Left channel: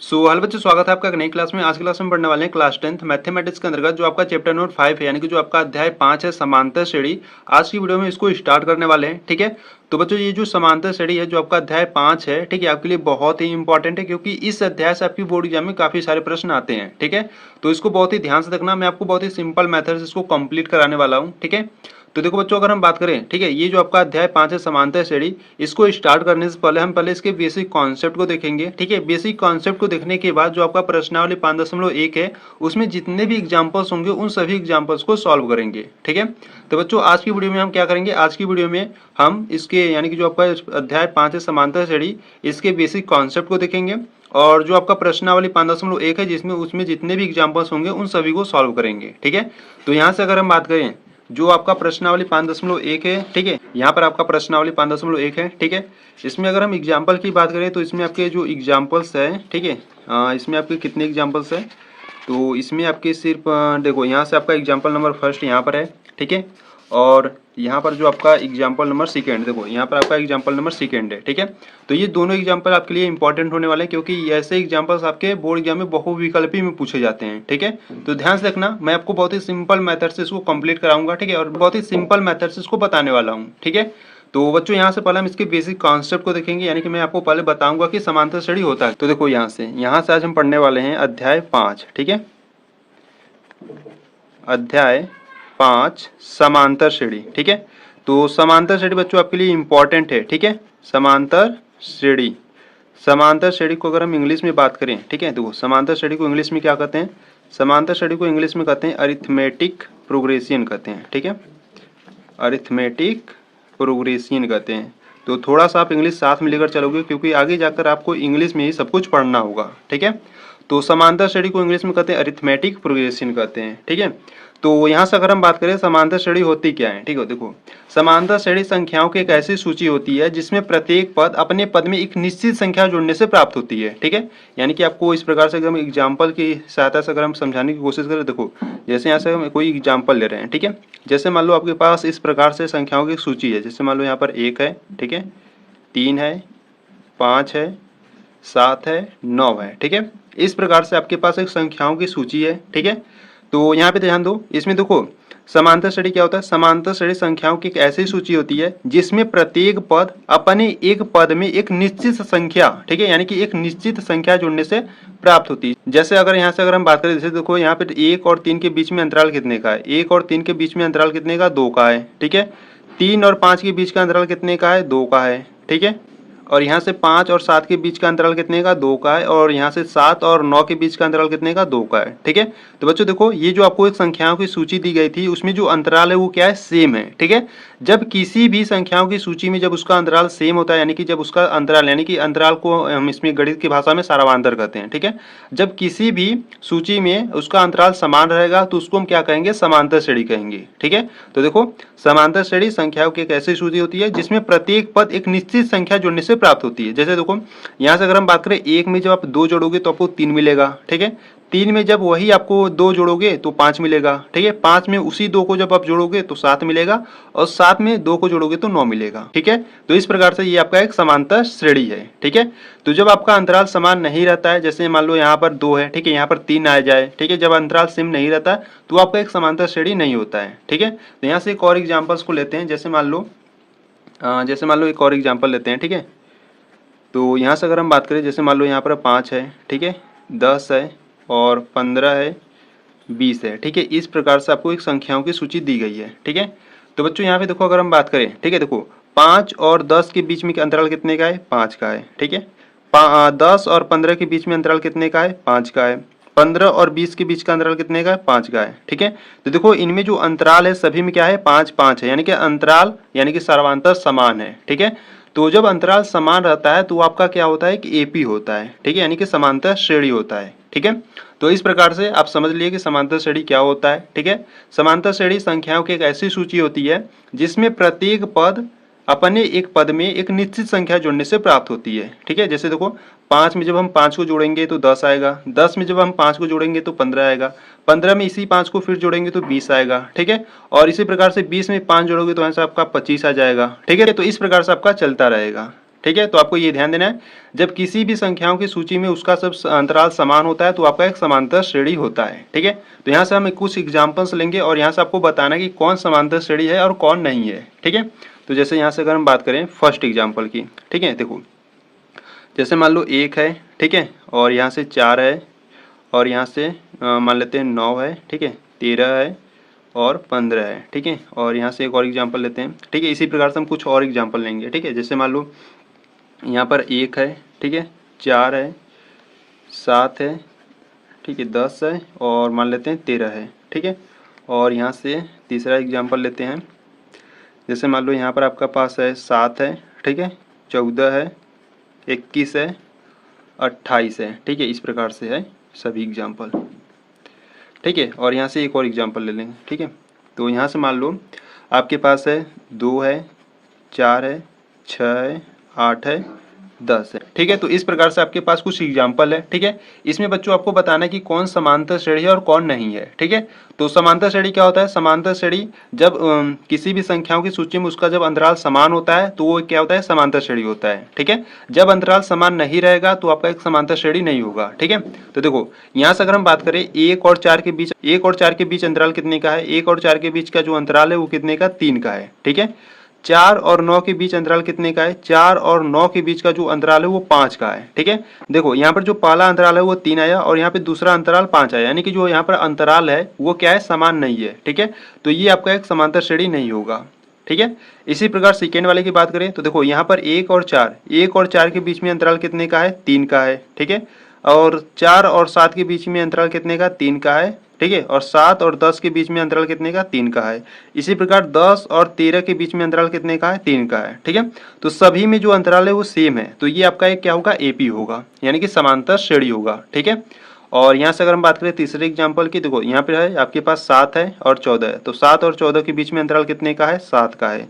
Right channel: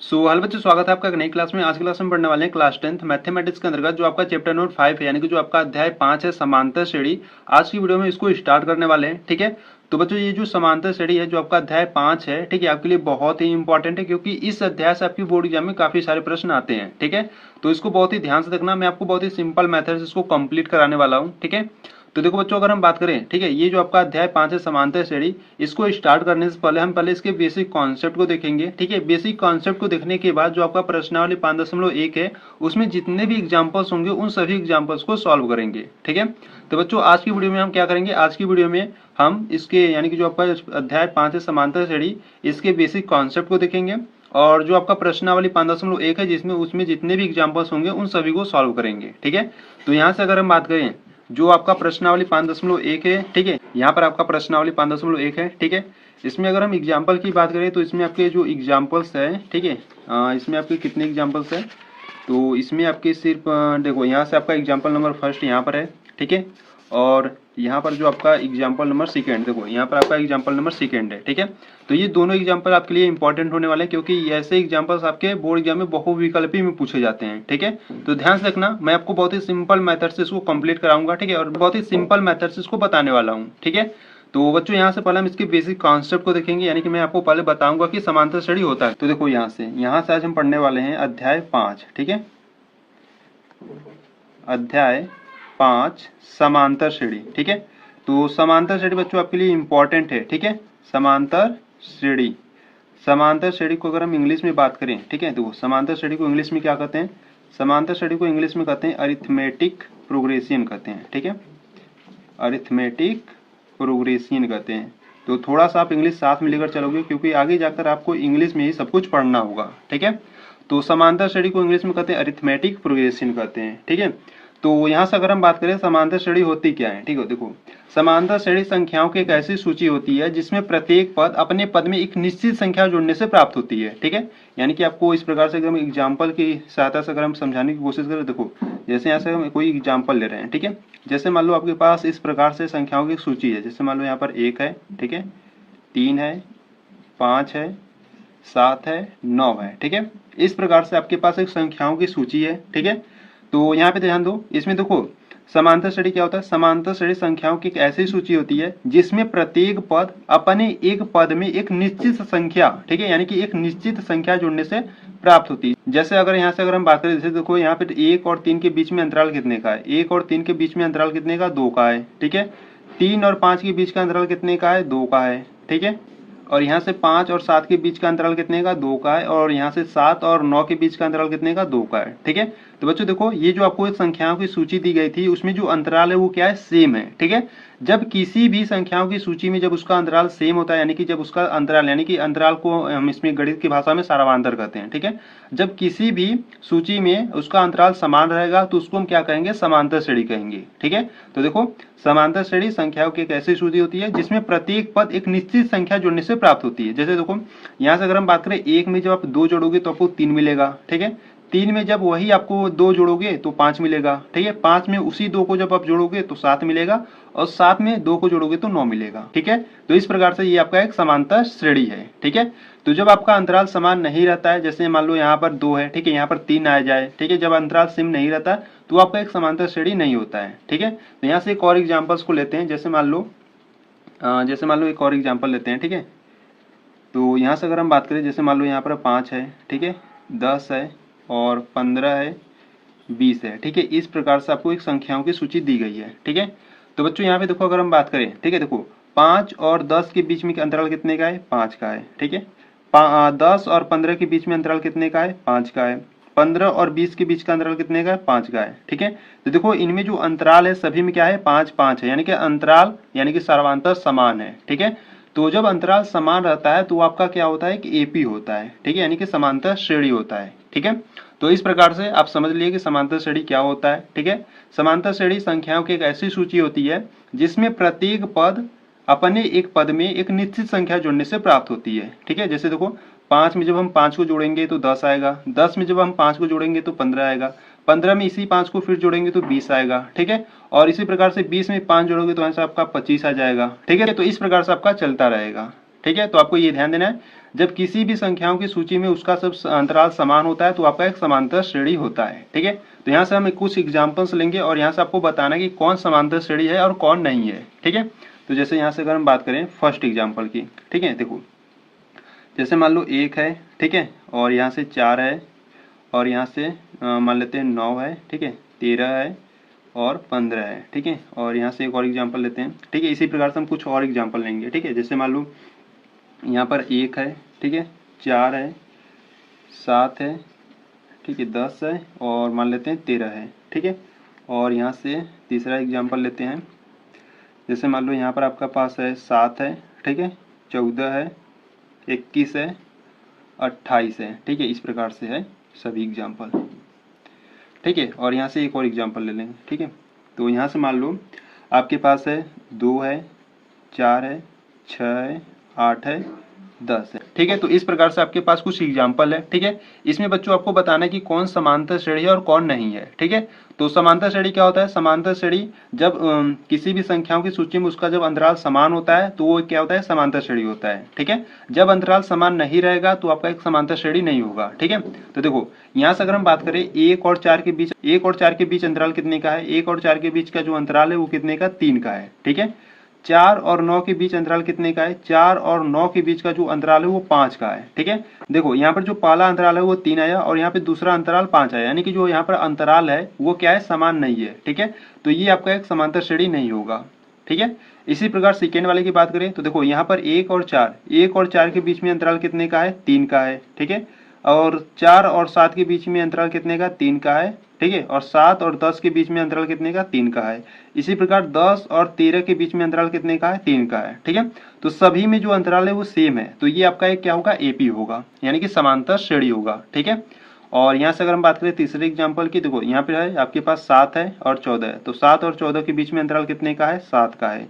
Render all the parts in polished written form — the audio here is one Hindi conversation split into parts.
हेलो बच्चों, स्वागत है आपका एक नई क्लास में। आज की क्लास में पढ़ने वाले हैं क्लास 10th मैथमेटिक्स के अंतर्गत जो आपका चैप्टर नंबर 5 है, यानी कि जो आपका अध्याय 5 है समांतर श्रेणी। आज की वीडियो में इसको स्टार्ट करने वाले हैं। ठीक है, तो बच्चों ये जो समांतर श्रेणी है जो आपका अध्याय 5 है, ठीक है, आपके लिए बहुत ही इंपॉर्टेंट है क्योंकि इस अध्याय से आपकी बोर्ड एग्जाम में काफी सारे प्रश्न आते हैं। ठीक है, तो इसको बहुत ही ध्यान से देखना। मैं आपको बहुत ही सिंपल मेथड से इसको कंप्लीट कराने वाला हूँ। ठीक है, तो देखो बच्चों, अगर हम बात करें, ठीक है, ये जो आपका अध्याय 5 है समांतर श्रेणी, इसको स्टार्ट करने से पहले हम पहले इसके बेसिक कॉन्सेप्ट को देखेंगे। ठीक है, बेसिक कॉन्सेप्ट को देखने के बाद जो आपका प्रश्नावली 5.1 है उसमें जितने भी एग्जांपल्स होंगे उन सभी एग्जांपल्स को सॉल्व करेंगे। ठीक है, तो बच्चों आज की वीडियो में हम क्या करेंगे, आज की वीडियो में हम इसके यानी कि जो आपका अध्याय 5 है समांतर श्रेणी, इसके बेसिक कॉन्सेप्ट को देखेंगे और जो आपका प्रश्नावली 5.1 है जिसमें उसमें जितने भी एग्जांपल्स होंगे उन सभी को सॉल्व करेंगे। ठीक है, तो यहाँ से अगर हम बात करें जो आपका प्रश्नावली 5.1 है, ठीक है, यहाँ पर आपका प्रश्नावली 5.1 है। ठीक है, इसमें अगर हम एग्जाम्पल की बात करें तो इसमें आपके जो एग्जाम्पल्स है, ठीक है, इसमें आपके कितने एग्जाम्पल्स है, तो इसमें आपके सिर्फ देखो यहाँ से आपका एग्जाम्पल नंबर फर्स्ट यहाँ पर है। ठीक है, और यहाँ पर जो आपका एग्जाम्पल नंबर सेकेंड, देखो यहाँ पर आपका एग्जाम्पल नंबर सेकेंड है। ठीक है, तो ये दोनों एग्जाम्पल आपके लिए इंपॉर्टेंट होने वाले हैं क्योंकि ऐसे एग्जाम्पल्स आपके बोर्ड एग्जाम में बहुविकल्पी में पूछे जाते हैं। ठीक है, तो ध्यान से देखना, मैं आपको बहुत ही सिंपल मेथड से इसको कंप्लीट कराऊंगा। ठीक है, और बहुत ही सिंपल मेथड से इसको बताने वाला हूँ। ठीक है, तो बच्चों यहाँ से पहले हम इसके बेसिक कॉन्सेप्ट को देखेंगे, यानी कि मैं आपको पहले बताऊंगा कि समांतर श्रेणी होता है। तो देखो यहाँ से आज हम पढ़ने वाले हैं अध्याय 5। ठीक है, अध्याय 5 समांतर श्रेणी। ठीक है, तो समांतर श्रेणी बच्चों आपके लिए इंपॉर्टेंट है। ठीक है, समांतर श्रेणी, समांतर श्रेणी को अगर हम इंग्लिश में बात करें, ठीक है, देखो समांतर श्रेणी को इंग्लिश में क्या कहते हैं, समांतर श्रेणी को इंग्लिश में कहते हैं अरिथमेटिक प्रोग्रेशन कहते हैं। ठीक है, अरिथमेटिक प्रोग्रेशन कहते हैं। तो थोड़ा सा आप इंग्लिश साथ में लेकर चलोगे क्योंकि आगे जाकर आपको इंग्लिश में ही सब कुछ पढ़ना होगा। ठीक है, तो समांतर श्रेणी को इंग्लिश में कहते हैं अरिथमेटिक प्रोग्रेशन कहते हैं। ठीक है, तो यहाँ से अगर हम बात करें समांतर श्रेणी होती क्या है, ठीक है, देखो समांतर श्रेणी संख्याओं की एक ऐसी सूची होती है जिसमें प्रत्येक पद अपने पद में एक निश्चित संख्या जोड़ने से प्राप्त होती है। ठीक है, यानी कि आपको इस प्रकार से अगर हम एग्जाम्पल की सहायता से अगर हम समझाने की कोशिश करें, देखो जैसे यहाँ से हम कोई एग्जाम्पल ले रहे हैं। ठीक है, जैसे मान लो आपके पास इस प्रकार से संख्याओं की सूची है, जैसे मान लो यहाँ पर 1 है, ठीक है, 3 है, 5 है, 7 है, 9 है। ठीक है, इस प्रकार से आपके पास एक संख्याओं की सूची है। ठीक है, तो यहाँ पे ध्यान दो, इसमें देखो समांतर श्रेणी क्या होता है, समांतर श्रेणी संख्याओं की एक ऐसी सूची होती है जिसमें प्रत्येक पद अपने एक पद में एक निश्चित संख्या, ठीक है, यानी कि एक निश्चित संख्या जुड़ने से प्राप्त होती है। जैसे अगर यहाँ से अगर हम बात करें, जैसे देखो यहाँ पे 1 और 3 के बीच में अंतराल कितने का है, 1 और 3 के बीच में अंतराल कितने का, 2 का है। ठीक है, 3 और 5 के बीच का अंतराल कितने का है, 2 का है। ठीक है, और यहाँ से 5 और 7 के बीच का अंतराल कितने का, 2 का है, और यहाँ से 7 और 9 के बीच का अंतराल कितने का, 2 का है। ठीक है, तो बच्चों देखो ये जो आपको एक संख्याओं की सूची दी गई थी उसमें जो अंतराल है वो क्या है, सेम है। ठीक है, जब किसी भी संख्याओं की सूची में जब उसका अंतराल सेम होता है, यानी कि जब उसका अंतराल, यानी कि अंतराल को हम इसमें गणित की भाषा में सारावांतर कहते हैं। ठीक है, जब किसी भी सूची में उसका अंतराल समान रहेगा तो उसको हम क्या कहेंगे, समांतर श्रेणी कहेंगे। ठीक है, तो देखो समांतर श्रेणी संख्याओं की एक ऐसी सूची होती है जिसमें प्रत्येक पद एक निश्चित संख्या जोड़ने से प्राप्त होती है। जैसे देखो यहाँ से अगर हम बात करें, 1 में जब आप 2 जोड़ोगे तो आपको 3 मिलेगा। ठीक है, 3 में जब वही आपको 2 जोड़ोगे तो 5 मिलेगा। ठीक है, 5 में उसी 2 को जब आप जोड़ोगे तो 7 मिलेगा, और 7 में 2 को जोड़ोगे तो 9 मिलेगा। ठीक है, तो इस प्रकार से ये आपका एक समांतर श्रेणी है। ठीक है, तो जब आपका अंतराल समान नहीं रहता है, जैसे मान लो यहाँ पर 2 है, ठीक है, यहाँ पर 3 आ जाए, ठीक है, जब अंतराल सेम नहीं रहता है तो आपका एक समांतर श्रेणी नहीं होता है। ठीक है, तो यहाँ से एक और एग्जाम्पल्स को लेते हैं, जैसे मान लो एक और एग्जाम्पल लेते हैं। ठीक है, तो यहाँ से अगर हम बात करें, जैसे मान लो यहाँ पर 5 है, ठीक है, 10 है, और 15 है, 20 है। ठीक है, इस प्रकार से आपको एक संख्याओं की सूची दी गई है। ठीक है, तो बच्चों यहाँ पे देखो अगर हम बात करें, ठीक है, देखो 5 और 10 के बीच में अंतराल कितने का है, 5 का है। ठीक है, 10 और 15 के बीच में अंतराल कितने का है, 5 का है। 15 और 20 के बीच का अंतराल कितने का है, 5 का है। ठीक है, तो देखो इनमें जो अंतराल है सभी में क्या है, 5 5 है, यानी कि अंतराल यानी कि सर्वांतर समान है। ठीक है, तो जब अंतराल समान रहता है तो आपका क्या होता है कि एपी होता है। ठीक है, यानी कि समांतर श्रेणी होता है। ठीक है, तो इस प्रकार से आप समझ लिए कि समांतर श्रेणी क्या होता है। ठीक है, समांतर श्रेणी संख्याओं की एक ऐसी सूची होती है जिसमें प्रत्येक पद अपने एक पद में एक निश्चित संख्या जोड़ने से प्राप्त होती है। ठीक है, जैसे देखो 5 में जब हम 5 को जोड़ेंगे तो 10 आएगा, 10 में जब हम 5 को जोड़ेंगे तो 15 आएगा, 15 में इसी 5 को फिर जोड़ेंगे तो 20 आएगा। ठीक है, और इसी प्रकार से 20 में 5 जोड़ोगे तो आंसर आपका 25 आ जाएगा। ठीक है, तो इस प्रकार से आपका चलता रहेगा। ठीक है। तो आपको ये ध्यान देना है, जब किसी भी संख्याओं की सूची में उसका सब अंतराल समान होता है तो आपका एक समांतर श्रेणी होता है, ठीक है। तो यहाँ से हम कुछ एग्जाम्पल्स लेंगे और यहाँ से आपको बताना कि कौन समांतर श्रेणी है और कौन नहीं है, ठीक है। तो जैसे यहाँ से अगर हम बात करें फर्स्ट एग्जाम्पल की, ठीक है, देखो जैसे मान लो 1 है, ठीक है, और यहाँ से 4 है, और यहाँ से मान लेते हैं 9 है, ठीक है, 13 है और 15 है, ठीक है। और यहाँ से एक और एग्जांपल लेते हैं, ठीक है। इसी प्रकार से हम कुछ और एग्जांपल लेंगे, ठीक है। जैसे मान लो यहाँ पर 1 है, ठीक है, 4 है, 7 है, ठीक है, 10 है और मान लेते हैं 13 है, ठीक है। और यहाँ से तीसरा एग्जांपल लेते हैं, जैसे मान लो यहाँ पर आपका पास है 7 है, ठीक है, 14 है, 21 है, 28 है, ठीक है। इस प्रकार से है सभी एग्जाम्पल, ठीक है। और यहाँ से एक और एग्जाम्पल ले लेंगे, ठीक है। तो यहाँ से मान लो आपके पास है 2 है, 4 है, 6 है, 8 है, 10 है, ठीक है। तो इस प्रकार से आपके पास कुछ एग्जाम्पल है, ठीक है। इसमें बच्चों आपको बताना है कि कौन समांतर श्रेणी है और कौन नहीं है, ठीक है। तो समांतर श्रेणी क्या होता है? समांतर श्रेणी जब किसी भी संख्याओं की सूची में उसका जब अंतराल समान होता है तो वो क्या होता है? समांतर श्रेणी होता है, ठीक है। जब अंतराल समान नहीं रहेगा तो आपका एक समांतर श्रेणी नहीं होगा, ठीक है। तो देखो यहाँ से अगर हम बात करें 1 और 4 के बीच अंतराल कितने का है? 1 और 4 के बीच का जो अंतराल है वो कितने का? 3 का है, ठीक है। 4 और 9 के बीच अंतराल कितने का है? 4 और 9 के बीच का जो अंतराल है वो 5 का है, ठीक है। देखो यहाँ पर जो पहला अंतराल है वो 3 आया और यहाँ पे दूसरा अंतराल 5 आया, यानी कि जो यहाँ पर अंतराल है वो क्या है? समान नहीं है, ठीक है। तो ये आपका एक समांतर श्रेणी नहीं होगा, ठीक है। इसी प्रकार सेकेंड वाले की बात करें तो देखो यहाँ पर 1 और 4 के बीच में अंतराल कितने का है? 3 का है, ठीक है। और 4 और 7 के बीच में अंतराल कितने का? 3 का है, ठीक है। और 7 और 10 के बीच में अंतराल कितने का? 3 का है। इसी प्रकार 10 और 13 के बीच में अंतराल कितने का है? 3 का है, ठीक है। तो सभी में जो अंतराल है वो सेम है, तो ये आपका एक क्या होगा? एपी होगा, यानी कि समांतर श्रेणी होगा, ठीक है। और यहाँ से अगर हम बात करें तीसरे एग्जाम्पल की, देखो यहाँ पे है आपके पास 7 है और 14 है, तो 7 और 14 के बीच में अंतराल कितने का है? 7 का है।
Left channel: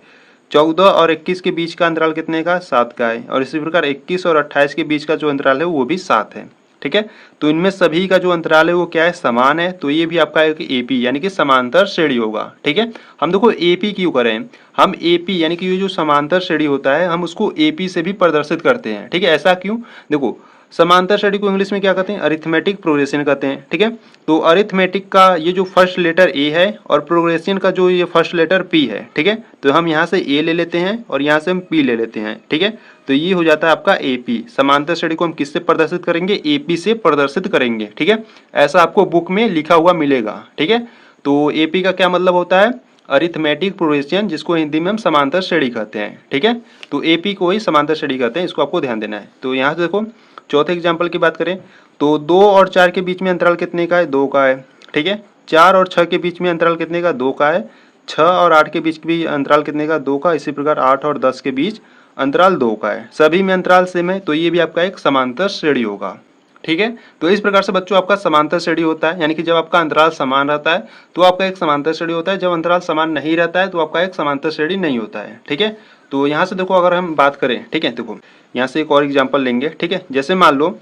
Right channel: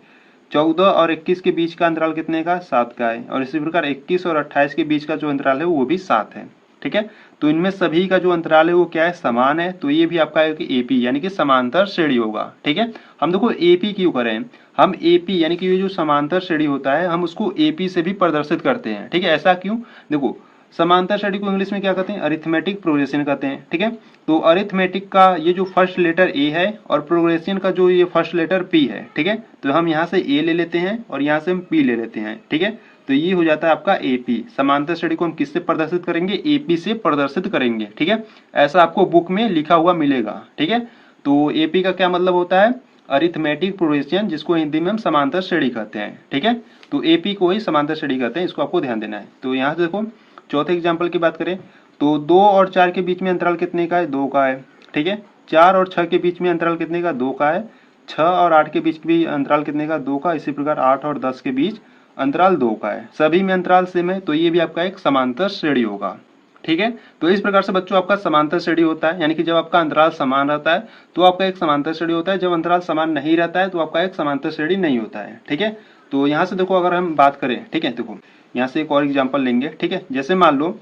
14 और 21 के बीच का अंतराल कितने का? 7 का है। और इसी प्रकार 21 और 28 के बीच का जो अंतराल है वो भी 7 है, ठीक है। तो इनमें सभी का जो अंतराल है वो क्या है? समान है, तो ये भी आपका एक एपी यानी कि समांतर श्रेणी होगा, ठीक है। हम देखो एपी क्यों करें? हम एपी यानी कि ये जो समांतर श्रेणी होता है हम उसको एपी से भी प्रदर्शित करते हैं, ठीक है। ऐसा क्यों? देखो समांतर श्रेणी को इंग्लिश में क्या कहते हैं? अरिथमेटिक प्रोग्रेशन कहते हैं, ठीक है। तो अरिथमेटिक का ये जो फर्स्ट लेटर ए है और प्रोग्रेशन का जो ये फर्स्ट लेटर पी है, ठीक है। तो हम यहाँ से ए ले लेते हैं और यहाँ से हम पी ले लेते हैं, ठीक है। तो ये हो जाता है आपका एपी। समांतर श्रेणी को हम किससे प्रदर्शित करेंगे? एपी से प्रदर्शित करेंगे, ठीक है। ऐसा आपको बुक में लिखा हुआ मिलेगा, ठीक है। तो एपी का क्या मतलब होता है? अरिथमेटिक प्रोग्रेशन, जिसको हिंदी में हम समांतर श्रेणी कहते हैं, ठीक है। तो एपी को ही समांतर श्रेणी कहते हैं, इसको आपको ध्यान देना है। तो यहाँ से देखो चौथे एग्जाम्पल की बात करें तो 2 और 4 के बीच में अंतराल कितने का है? 2 का है, ठीक है। 4 और 6 के बीच में अंतराल कितने का? 2 का है। 6 और 8 के बीच भी अंतराल कितने का? 2 का। इसी प्रकार 8 और 10 के बीच अंतराल 2 का है। सभी में अंतराल सेम है, तो ये भी आपका एक समांतर श्रेणी होगा, ठीक है। तो इस प्रकार से बच्चों आपका समांतर श्रेणी होता है, यानी कि जब आपका अंतराल समान रहता है तो आपका एक समांतर श्रेणी होता है, जब अंतराल समान नहीं रहता है तो आपका एक समांतर श्रेणी नहीं होता है, ठीक है। तो यहाँ से देखो अगर हम बात करें, ठीक है, देखो यहाँ से एक और एग्जाम्पल लेंगे, ठीक है। जैसे मान लो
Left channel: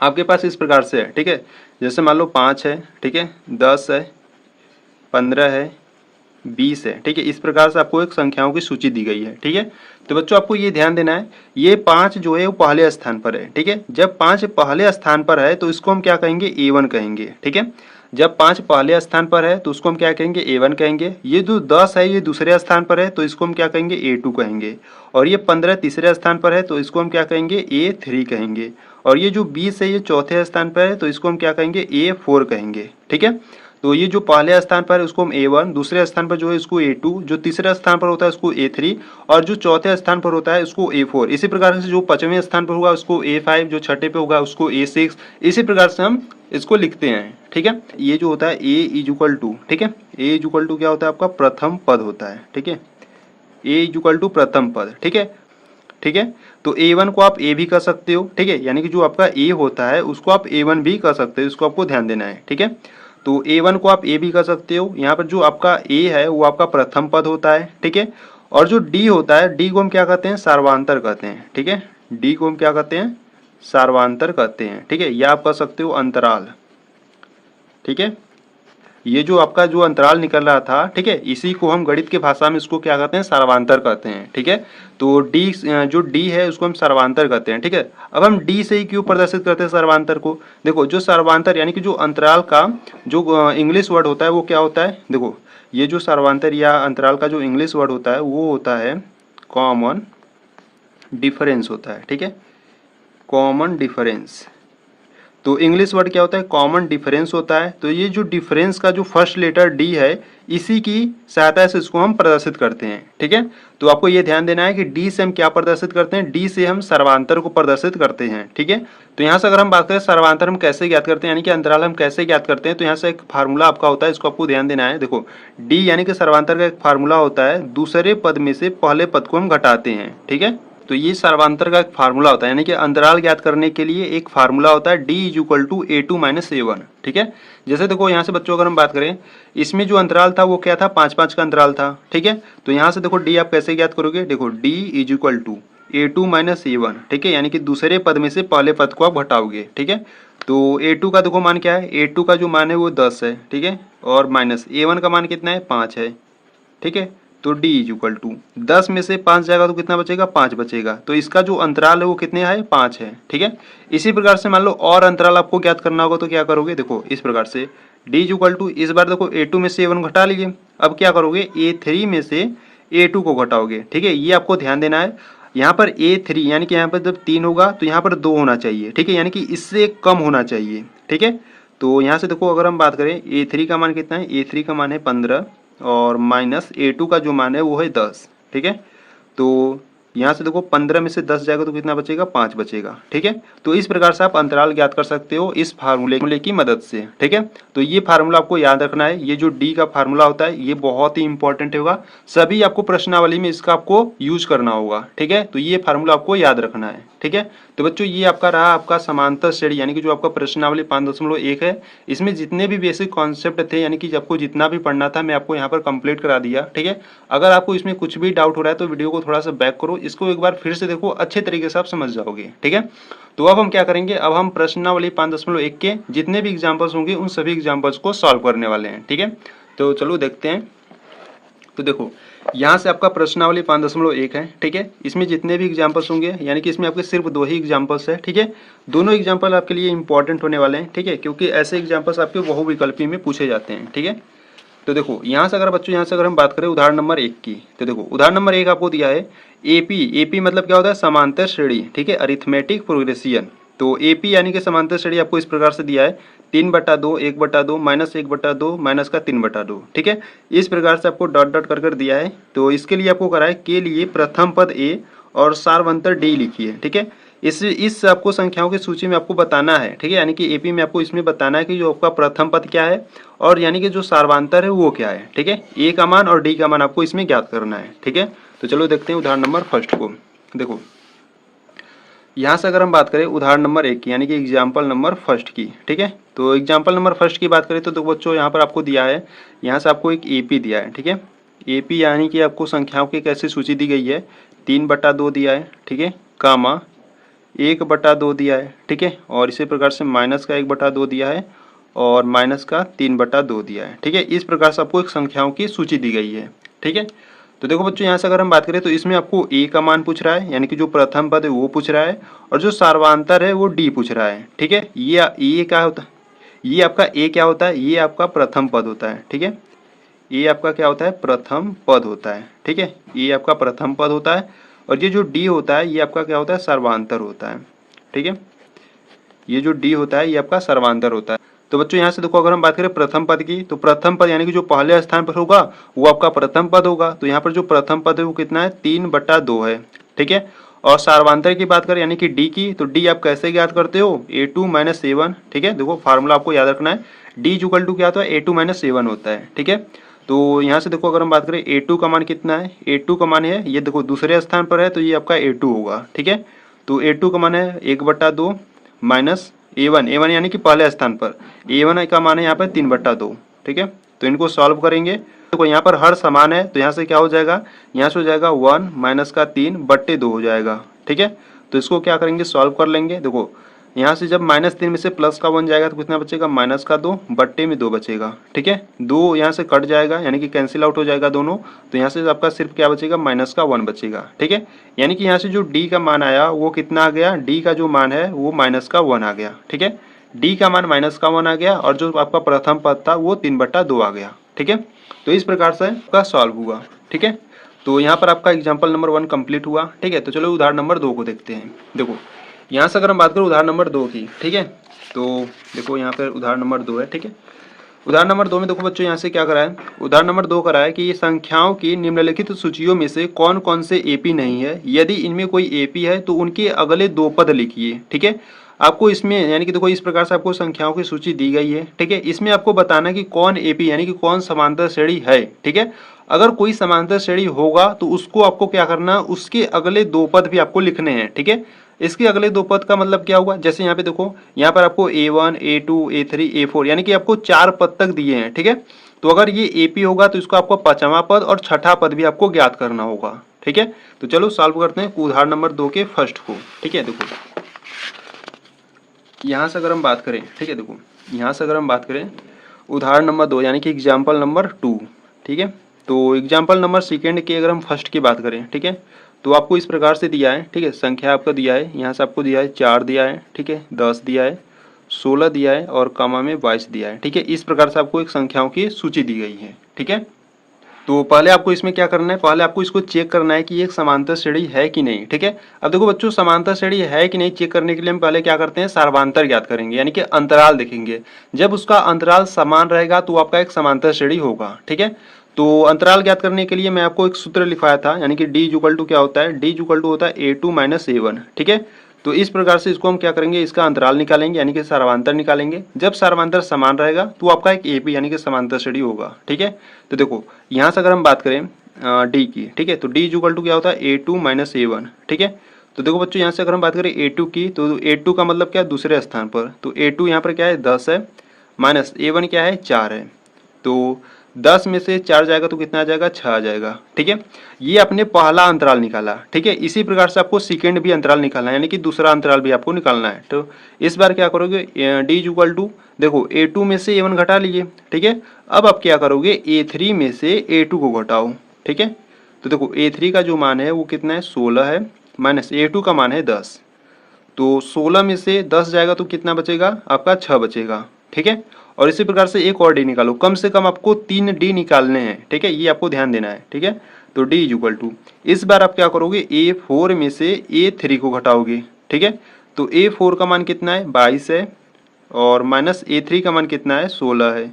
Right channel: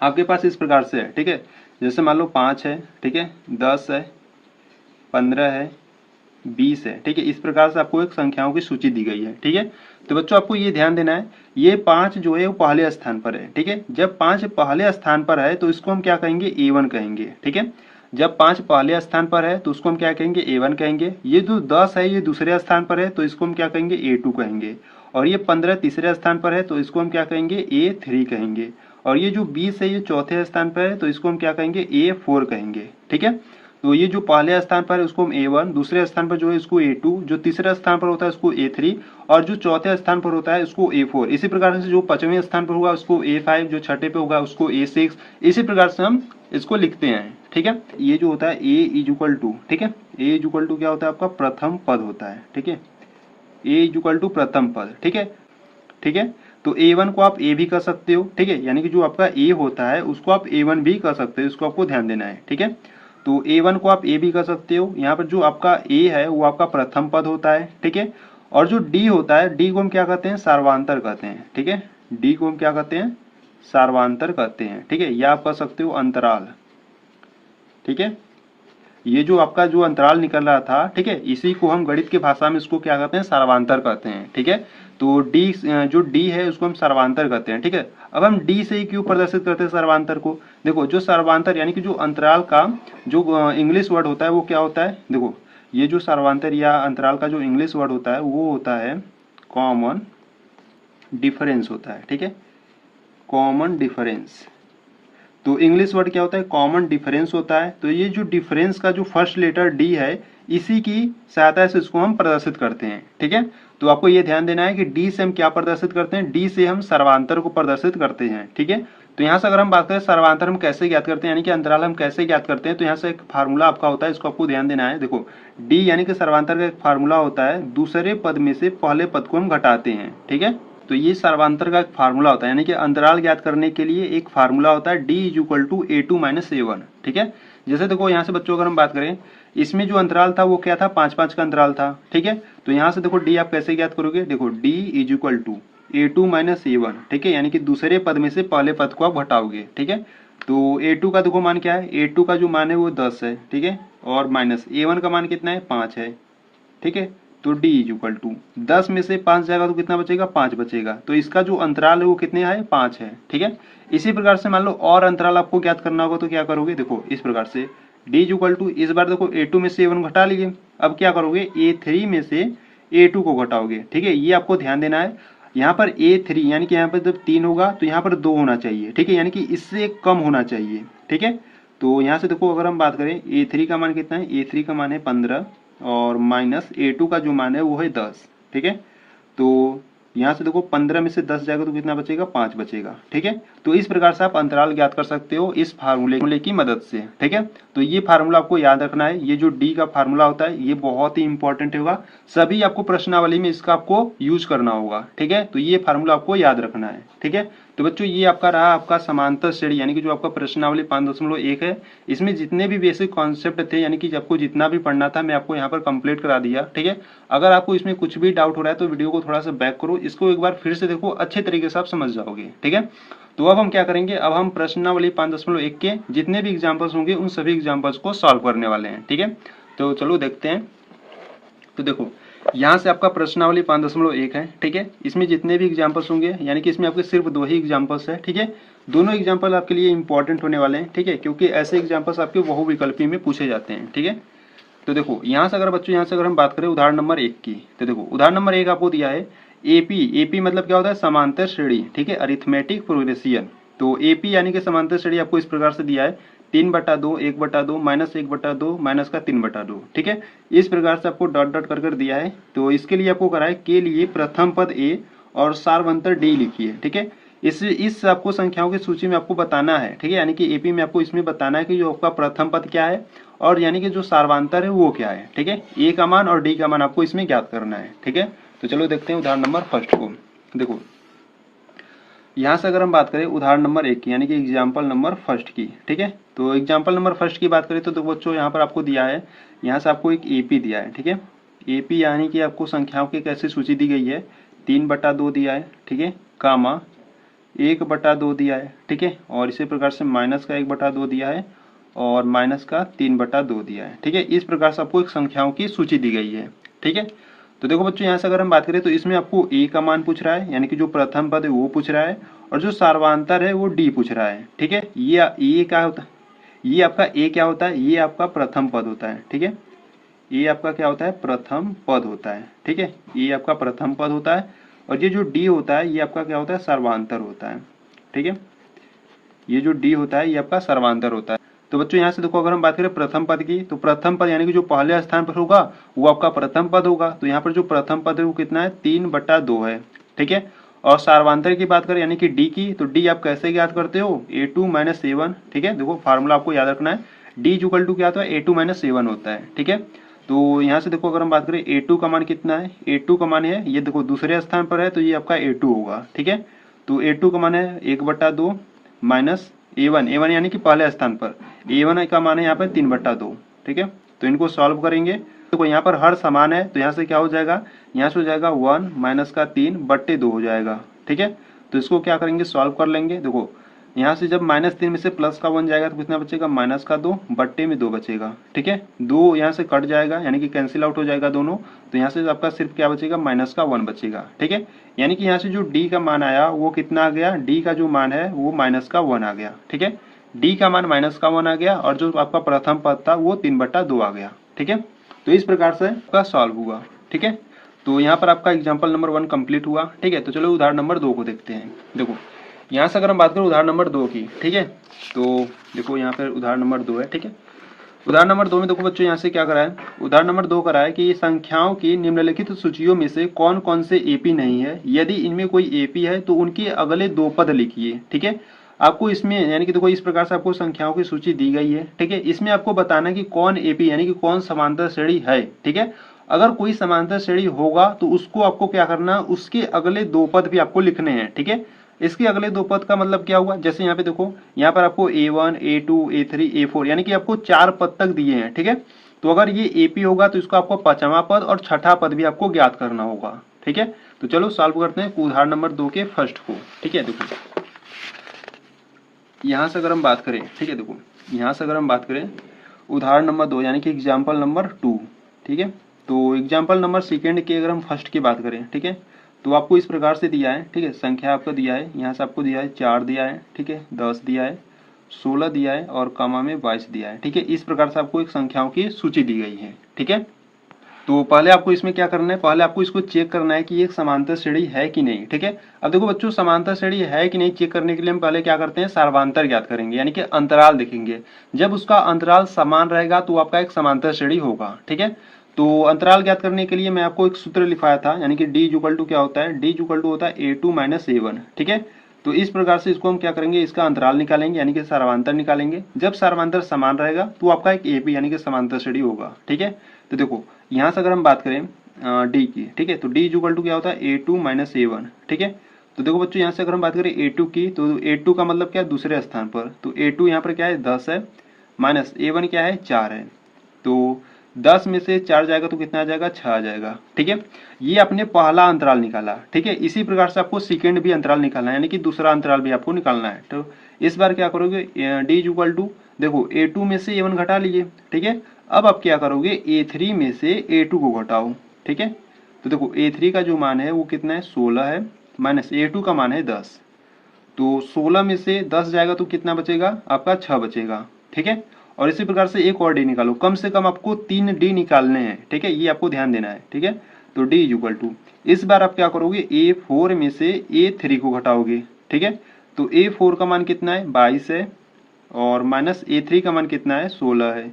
आपके पास इस प्रकार से है, ठीक है। जैसे मान लो 5 है, ठीक है, 10 है, 15 है, 20 है, ठीक है। इस प्रकार से आपको एक संख्याओं की सूची दी गई है, ठीक है। तो बच्चों आपको ये ध्यान देना है, ये 5 जो है वो पहले स्थान पर है, ठीक है। जब 5 पहले स्थान पर है तो इसको हम क्या कहेंगे? A1 कहेंगे, ठीक है। जब 5 पहले स्थान पर है तो उसको हम क्या कहेंगे? A1 कहेंगे। ये जो 10 है ये दूसरे स्थान पर है तो इसको हम क्या कहेंगे? A2 कहेंगे। और ये 15 तीसरे स्थान पर है तो इसको हम क्या कहेंगे? A3 कहेंगे। और ये जो 20 है ये चौथे स्थान पर है तो इसको हम क्या कहेंगे? A4 कहेंगे, ठीक है। तो ये जो पहले स्थान पर है उसको हम A1, दूसरे स्थान पर जो है इसको A2, जो तीसरे स्थान पर होता है उसको A3 और जो चौथे स्थान पर होता है उसको A4। इसी प्रकार से जो 5वें स्थान पर होगा उसको A5, जो छठे पे होगा उसको A6। इसी प्रकार से हम इसको लिखते हैं, ठीक है। ये जो होता है A=2, ठीक है। A= क्या होता है? आपका प्रथम पद होता है, ठीक है। A= प्रथम पद, ठीक है, ठीक है। तो A1 को आप A भी कर सकते हो, ठीक है, यानी कि जो आपका A होता है उसको आप A1 भी कर सकते हो, इसको आपको ध्यान देना है, ठीक है। तो A1 को आप A भी कर सकते हो। यहाँ पर जो आपका A है वो आपका प्रथम पद होता है, ठीक है। और जो D होता है, D को हम क्या कहते हैं? सार्वधातुक कहते हैं, ठीक है। D को हम क्या कहते हैं? सार्वधातुक कहते हैं, ठीक है। या आप कह सकते हो अंतराल, ठीक है। ये जो आपका जो अंतराल निकल रहा था, ठीक है, इसी को हम गणित की भाषा में इसको क्या कहते हैं, सर्वांतर कहते हैं, ठीक है। तो डी जो डी है उसको हम सर्वांतर कहते हैं, ठीक है। अब हम डी से ही क्यों प्रदर्शित करते हैं सर्वांतर को, देखो जो सर्वांतर यानी कि जो अंतराल का जो इंग्लिश वर्ड होता है वो क्या होता है, देखो ये जो सर्वांतर या अंतराल का जो इंग्लिश वर्ड होता है वो होता है कॉमन डिफरेंस होता है, ठीक है, कॉमन डिफरेंस। तो इंग्लिश वर्ड क्या होता है, कॉमन डिफरेंस होता है। तो ये जो डिफरेंस का जो फर्स्ट लेटर डी है, इसी की सहायता से इसको हम प्रदर्शित करते हैं, ठीक है। तो आपको ये ध्यान देना है कि डी से हम क्या प्रदर्शित करते हैं, डी से हम सर्वांतर को प्रदर्शित करते हैं, ठीक है। तो यहाँ से अगर हम बात करें सर्वांतर हम कैसे ज्ञात करते हैं, यानी कि अंतराल हम कैसे ज्ञात करते हैं, तो यहाँ से एक फार्मूला आपका होता है, इसको आपको ध्यान देना है। देखो डी यानी कि सर्वांतर का एक फार्मूला होता है, दूसरे पद में से पहले पद को हम घटाते हैं, ठीक है। तो ये सर्वांतर का एक फार्मूला होता है, यानी कि अंतराल ज्ञात करने के लिए एक फार्मूला होता है D is equal to A2 minus A1, ठीक है। जैसे देखो यहाँ से बच्चों अगर हम बात करें, इसमें जो अंतराल था वो क्या था, 5-5 का अंतराल था, ठीक है। तो यहाँ से देखो डी आप कैसे ज्ञात करोगे, देखो D is equal to A2 minus A1, ठीक है, यानी कि दूसरे पद में से पहले पद को आप घटाओगे, ठीक है। तो A2 का देखो मान क्या है, A2 का जो मान है वो 10 है, ठीक है, और माइनस A1 का मान कितना है, 5 है, ठीक है। तो d इज इक्वल टू 10 में से 5 जाएगा तो कितना बचेगा, 5 बचेगा। तो इसका जो अंतराल है वो कितने है, 5 है, ठीक है। इसी प्रकार से मान लो और अंतराल आपको ज्ञात करना होगा तो क्या करोगे, देखो इस प्रकार से d इज इक्वल टू, इस बार देखो A2 में से A1 घटा लीजिए, अब क्या करोगे A3 में से A2 को घटाओगे, ठीक है। ये आपको ध्यान देना है, यहाँ पर A3 यानी कि यहाँ पर जब 3 होगा तो यहाँ पर 2 होना चाहिए, ठीक है, यानी कि इससे कम होना चाहिए, ठीक है। तो यहाँ से देखो अगर हम बात करें A3 का मान कितना है, A3 का मान है 15 और माइनस A2 का जो मान है वो है 10, ठीक है। तो यहाँ से देखो 15 में से 10 जाएगा तो कितना बचेगा, 5 बचेगा, ठीक है। तो इस प्रकार से आप अंतराल ज्ञात कर सकते हो इस फार्मूले की मदद से, ठीक है। तो ये फार्मूला आपको याद रखना है, ये जो डी का फार्मूला होता है ये बहुत ही इंपॉर्टेंट होगा, सभी आपको प्रश्नावली में इसका आपको यूज करना होगा, ठीक है। तो ये फार्मूला आपको याद रखना है, ठीक है। तो बच्चों ये आपका रहा आपका समांतर श्रेणी, यानी कि जो आपका प्रश्नावली 5.1 है, इसमें जितने भी बेसिक कॉन्सेप्ट थे यानी कि आपको जितना भी पढ़ना था मैं आपको यहाँ पर कंप्लीट करा दिया, ठीक है। अगर आपको इसमें कुछ भी डाउट हो रहा है तो वीडियो को थोड़ा सा बैक करो, इसको एक बार फिर से देखो, अच्छे तरीके से आप समझ जाओगे, ठीक है। तो अब हम क्या करेंगे, अब हम प्रश्नावली 5.1 के जितने भी एग्जाम्पल्स होंगे उन सभी एग्जाम्पल्स को सॉल्व करने वाले हैं, ठीक है। तो चलो देखते हैं। तो देखो यहाँ से आपका प्रश्नावली 5.1 है, ठीक है। इसमें जितने भी एग्जाम्पल्स होंगे यानी कि इसमें आपके सिर्फ 2 ही एग्जाम्पल्स है, ठीक है। दोनों एग्जाम्पल आपके लिए इंपॉर्टेंट होने वाले हैं, ठीक है, क्योंकि ऐसे एग्जाम्पल्स आपके बहुविकल्पी में पूछे जाते हैं, ठीक है। तो देखो यहाँ से अगर बच्चों यहाँ से अगर हम बात करें उदाहरण नंबर 1 की, तो देखो उदाहरण नंबर 1 आपको दिया है एपी मतलब क्या होता है, समांतर श्रेणी, ठीक है, अरिथमेटिक प्रोग्रेशन। तो एपी यानी कि समांतर श्रेणी आपको इस प्रकार से दिया है 3/2 1/2 -1/2 माइनस का 3/2, ठीक है। इस प्रकार से आपको डॉट डॉट कर दिया है। तो इसके लिए आपको करा है के लिए प्रथम पद ए और सार्वंतर डी लिखिए, ठीक है। इस आपको संख्याओं की सूची में आपको बताना है, ठीक है, यानी कि एपी में आपको इसमें बताना है कि जो आपका प्रथम पद क्या है और यानी कि जो सार्वांतर है वो क्या है, ठीक है। ए का मान और डी का मान आपको इसमें ज्ञात करना है, ठीक है। तो चलो देखते हैं उदाहरण नंबर फर्स्ट को। देखो यहाँ से अगर हम बात करें उदाहरण नंबर 1 की यानी कि एग्जाम्पल नंबर फर्स्ट की, ठीक है। तो एग्जाम्पल नंबर फर्स्ट की बात करें तो देखो बच्चों यहाँ पर आपको दिया है, यहाँ से आपको एक एपी दिया है, ठीक है। एपी यानी कि आपको संख्याओं की कैसी सूची दी गई है, 3/2 दिया है, ठीक है, कामा 1/2 दिया है, ठीक है, और इसी प्रकार से माइनस का 1/2 दिया है और माइनस का 3/2 दिया है, ठीक है। इस प्रकार से आपको एक संख्याओं की सूची दी गई है, ठीक है। तो देखो बच्चों यहाँ से अगर हम बात करें तो इसमें आपको ए का मान पूछ रहा है, यानी कि जो प्रथम पद है वो पूछ रहा है और जो सार्वांतर है वो डी पूछ रहा है, ठीक है। ये क्या होता है, ये आपका ए क्या होता है, ये आपका प्रथम पद होता है, ठीक है। ये आपका क्या होता है, प्रथम पद होता है, ठीक है, ये आपका प्रथम पद होता है और ये जो डी होता है ये आपका क्या होता है, सर्वांतर होता है, ठीक है। ये जो डी होता है ये आपका सर्वांतर होता है। तो बच्चों यहाँ से देखो अगर हम बात करें प्रथम पद की, तो प्रथम पद यानी कि जो पहले स्थान पर होगा वो आपका प्रथम पद होगा। तो यहाँ पर जो प्रथम पद है वो कितना है, 3/2 है, ठीक है। और सार्वांतर की बात करें यानी कि डी की, तो डी आप कैसे ज्ञात करते हो, A2 - A1, ठीक है। देखो फार्मूला आपको याद रखना है, डी इक्वल टू क्या होता है, A2 - A1 होता है, ठीक है। तो यहाँ से देखो अगर हम बात करें A2 का मान कितना है, A2 का मान है ये देखो दूसरे स्थान पर है तो ये आपका A2 होगा, ठीक है। तो A2 का मान है 1/2 माइनस A1 यानी कि पहले स्थान पर A1 का मान है यहाँ पर 3/2, ठीक है। तो इनको सॉल्व करेंगे, देखो यहाँ पर हर समान है तो यहाँ से क्या हो जाएगा, यहाँ से हो जाएगा 1 माइनस का 3/2 हो जाएगा, ठीक है। तो इसको क्या करेंगे, सॉल्व कर लेंगे। देखो यहाँ से जब -3 में से प्लस का 1 जाएगा तो कितना बचेगा, -2 बट्टे में 2 बचेगा, ठीक है। 2 यहाँ से कट जाएगा यानी कि कैंसिल आउट हो जाएगा दोनों, तो यहाँ से आपका सिर्फ क्या बचेगा, -1 बचेगा, ठीक है। यानी कि यहाँ से जो डी का मान आया वो कितना आ गया, डी का जो मान है वो -1 आ गया, ठीक है। डी का मान -1 आ गया और जो आपका प्रथम पद था वो 3/2 आ गया, ठीक है। तो इस प्रकार से आपका सॉल्व हुआ, ठीक है। तो यहाँ पर आपका एग्जाम्पल नंबर 1 कंप्लीट हुआ, ठीक है। तो चलो उदाहरण नंबर 2 को देखते हैं। देखो यहाँ से अगर हम बात करें उदाहरण नंबर 2 की, ठीक है। तो देखो यहाँ पर उदाहरण नंबर 2 है, ठीक है। उदाहरण नंबर 2 में देखो बच्चों यहाँ से क्या करा है, उदाहरण नंबर 2 करा है कि संख्याओं की निम्नलिखित सूचियों में से कौन कौन से एपी नहीं है, यदि इनमें कोई एपी है तो उनके अगले 2 पद लिखिए, ठीक है। आपको इसमें यानी कि देखो इस प्रकार से आपको संख्याओं की सूची दी गई है, ठीक है। इसमें आपको बताना कि कौन एपी यानी कि कौन समांतर श्रेणी है, ठीक है। अगर कोई समांतर श्रेणी होगा तो उसको आपको क्या करना, उसके अगले 2 पद भी आपको लिखने हैं, ठीक है। इसके अगले 2 पद का मतलब क्या हुआ, जैसे यहाँ पे देखो यहाँ पर आपको A1 A2 A3 A4 यानी कि आपको 4 पद तक दिए हैं, ठीक है। तो अगर ये एपी होगा तो इसको आपको 5वां पद और 6ठा पद भी आपको ज्ञात करना होगा, ठीक है। तो चलो सॉल्व करते हैं उदाहरण नंबर 2 के फर्स्ट को, ठीक है। देखो यहाँ से अगर हम बात करें, ठीक है, देखो यहाँ से अगर हम बात करें उदाहरण नंबर 2 यानी कि एग्जाम्पल नंबर 2, ठीक है। तो एग्जाम्पल नंबर सेकेंड की अगर हम फर्स्ट की बात करें, ठीक है, तो आपको इस प्रकार से दिया है, ठीक है। संख्या आपका दिया है, यहाँ से आपको दिया है 4 दिया है, ठीक है, 10 दिया है, 16 दिया है और कमा में 22 दिया है, ठीक है। इस प्रकार से आपको एक संख्याओं की सूची दी गई है, ठीक है। तो पहले आपको इसमें क्या करना है, पहले आपको इसको चेक करना है कि ये एक समांतर श्रेणी है कि नहीं, ठीक है। अब देखो बच्चों समांतर श्रेणी है कि नहीं चेक करने के लिए हम पहले क्या करते हैं, सार्वधांतर ज्ञात करेंगे यानी कि अंतराल देखेंगे। जब उसका अंतराल समान रहेगा तो आपका एक समांतर श्रेणी होगा, ठीक है। तो अंतराल ज्ञात करने के लिए मैं आपको एक सूत्र लिखवाया था यानी कि डी इक्वल टू क्या होता है, डी इक्वल टू होता है A2 - A1, ठीक है। तो इस प्रकार से इसको हम क्या करेंगे, इसका अंतराल निकालेंगे यानी कि सार्वधांतर निकालेंगे। जब सार्वधांतर समान रहेगा तो आपका एक एपी यानी कि समांतर श्रेणी होगा, ठीक है। तो देखो यहाँ से अगर हम बात करें डी की, ठीक है, तो डी इक्वल टू क्या होता है A2 - A1, ठीक है। तो देखो बच्चों यहाँ से अगर हम बात करें A2 की, तो A2 का मतलब क्या है, दूसरे स्थान पर, तो A2 यहाँ पर क्या है 10 है, माइनस A1 क्या है 4 है। तो 10 में से 4 जाएगा तो कितना आ जाएगा, 6 आ जाएगा, ठीक है। ये आपने पहला अंतराल निकाला, ठीक है। इसी प्रकार से आपको सेकेंड भी अंतराल निकालना है यानी कि दूसरा अंतराल भी आपको निकालना है। तो इस बार क्या करोगे, डी इक्वल टू देखो A2 में से A1 घटा लिए, ठीक है। अब आप क्या करोगे, A3 में से A2 को घटाओ, ठीक है। तो देखो A3 का जो मान है वो कितना है 16 है, माइनस A2 का मान है 10। तो 16 में से 10 जाएगा तो कितना बचेगा, आपका 6 बचेगा, ठीक है। और इसी प्रकार से एक और डी निकालो, कम से कम आपको 3 डी निकालने हैं, ठीक है, ये आपको ध्यान देना है, ठीक है। तो डी इक्वल टू इस बार आप क्या करोगे, A4 में से A3 को घटाओगे, ठीक है। तो A4 का मान कितना है 22 है और माइनस A3 का मान कितना है 16 है।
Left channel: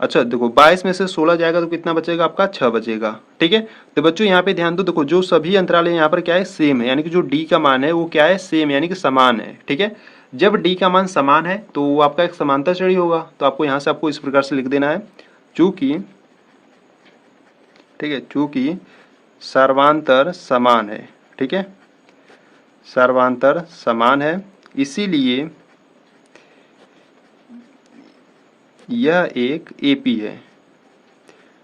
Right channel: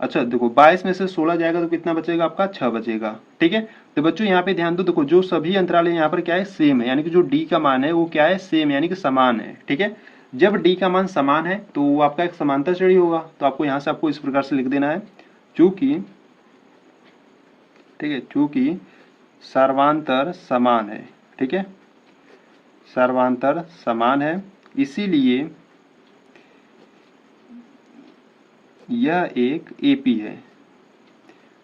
अच्छा देखो 22 में से 16 जाएगा तो कितना बचेगा, आपका 6 बचेगा, ठीक है। तो बच्चों यहाँ पे ध्यान दो, देखो जो सभी अंतराल है यहाँ पर क्या है सेम है यानी कि जो डी का मान है वो क्या है सेम यानी कि समान है, ठीक है। जब डी का मान समान है तो वो आपका एक समांतर श्रेणी होगा। तो आपको यहाँ से आपको इस प्रकार से लिख देना है, चूंकि, ठीक है, चूंकि सर्वांतर समान है, ठीक है, सर्वांतर समान है इसीलिए यह एक एपी है,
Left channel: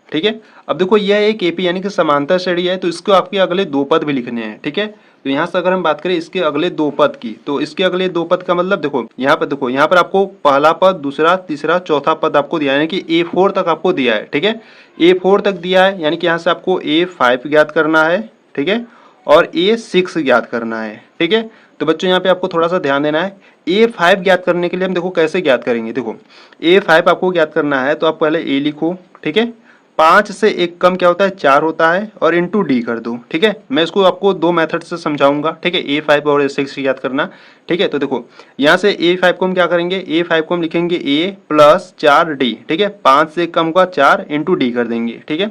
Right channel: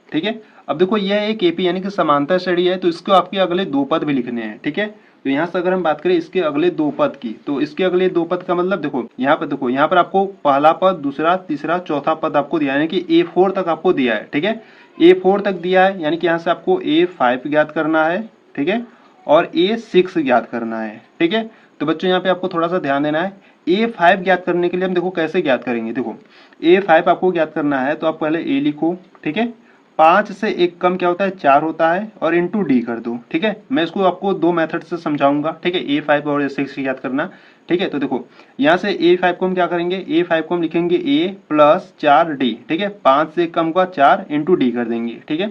ठीक है। अब देखो यह एक एपी यानी कि समांतर श्रेणी है तो इसको आपके अगले 2 पद भी लिखने हैं, ठीक है। तो यहाँ से अगर हम बात करें इसके अगले 2 पद की, तो इसके अगले 2 पद का मतलब देखो यहाँ पर आपको पहला पद, दूसरा, तीसरा, चौथा पद आपको दिया है यानी कि A4 तक आपको दिया है, ठीक है। A4 तक दिया है यानी कि यहाँ से आपको A5 ज्ञात करना है, ठीक है, और A6 ज्ञात करना है, ठीक है। तो बच्चों यहाँ पे आपको थोड़ा सा ध्यान देना है, A5 ज्ञात करने के लिए हम देखो कैसे ज्ञात करेंगे। देखो A5 आपको ज्ञात करना है तो आप पहले A लिखो, ठीक है। 5 से 1 कम क्या होता है 4 होता है और इंटू डी कर दो, ठीक है। मैं इसको आपको 2 मेथड से समझाऊंगा, ठीक है, A5 और A6 याद करना, ठीक है। तो देखो यहाँ से A5 को हम क्या करेंगे, A5 को हम लिखेंगे A प्लस 4D, ठीक है। 5 से 1 कम का 4 इंटू डी कर देंगे, ठीक है।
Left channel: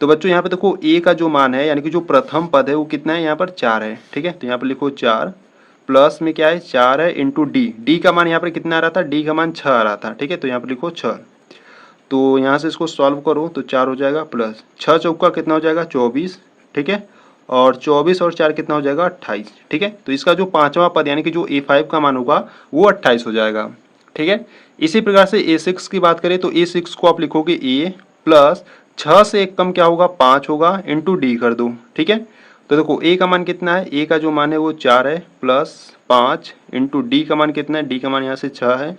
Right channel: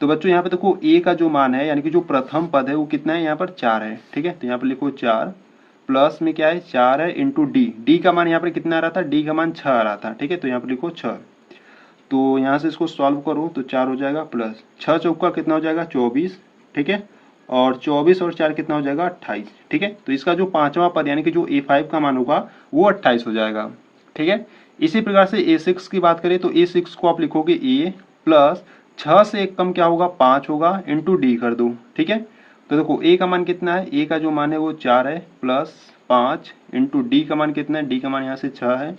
तो बच्चों यहाँ पे देखो A का जो मान है यानी कि जो प्रथम पद है वो कितना है, यहाँ पर 4 है, ठीक है। तो यहाँ पर लिखो 4 प्लस में क्या है 4 है इंटू डी, डी का मान यहाँ पर कितना आ रहा था, डी का मान 6 आ रहा था, ठीक है। तो यहाँ पर लिखो 6। तो यहाँ से इसको सॉल्व करो तो 4 हो जाएगा प्लस 6 चौका कितना हो जाएगा 24, ठीक है। और 24 और 4 कितना हो जाएगा 28, ठीक है। तो इसका जो 5वां पद यानी कि जो A5 का मान होगा वो 28 हो जाएगा, ठीक है। इसी प्रकार से A6 की बात करें तो A6 को आप लिखोगे A प्लस 6 से 1 कम क्या होगा 5 होगा इंटू डी कर दो, ठीक है। तो देखो A का मान कितना है, A का जो मान है वो 4 है प्लस 5 इंटू डी का मान कितना है, डी का मान यहाँ से 6 है,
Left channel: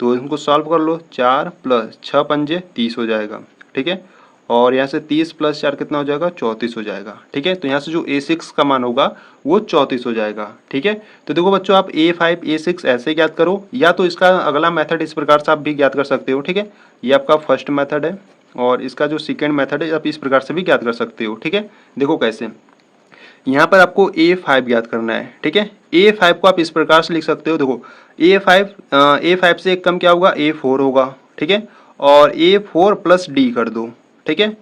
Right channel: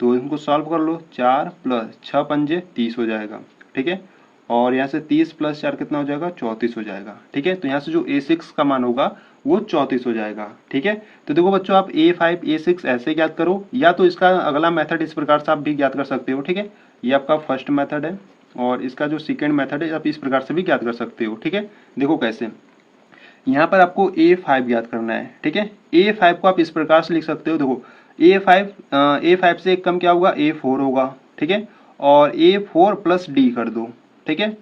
तो इनको सॉल्व कर लो। 4 प्लस 6 पंजे 30 हो जाएगा, ठीक है। और यहाँ से 30 प्लस 4 कितना हो जाएगा, 34 हो जाएगा, ठीक है। तो यहाँ से जो A6 का मान होगा वो 34 हो जाएगा, ठीक है। तो देखो बच्चों, आप A5 A6 ऐसे ज्ञात करो, या तो इसका अगला मेथड इस प्रकार से आप भी ज्ञात कर सकते हो, ठीक है। ये आपका फर्स्ट मेथड है, और इसका जो सेकेंड मेथड है आप इस प्रकार से भी ज्ञात कर सकते हो, ठीक है। देखो कैसे, यहाँ पर आपको A5 ज्ञात करना है, ठीक है। A5 को आप इस प्रकार से लिख सकते हो, देखो A5 से एक कम क्या होगा, A4 होगा, ठीक है। और A4 प्लस डी कर दो, ठीक है।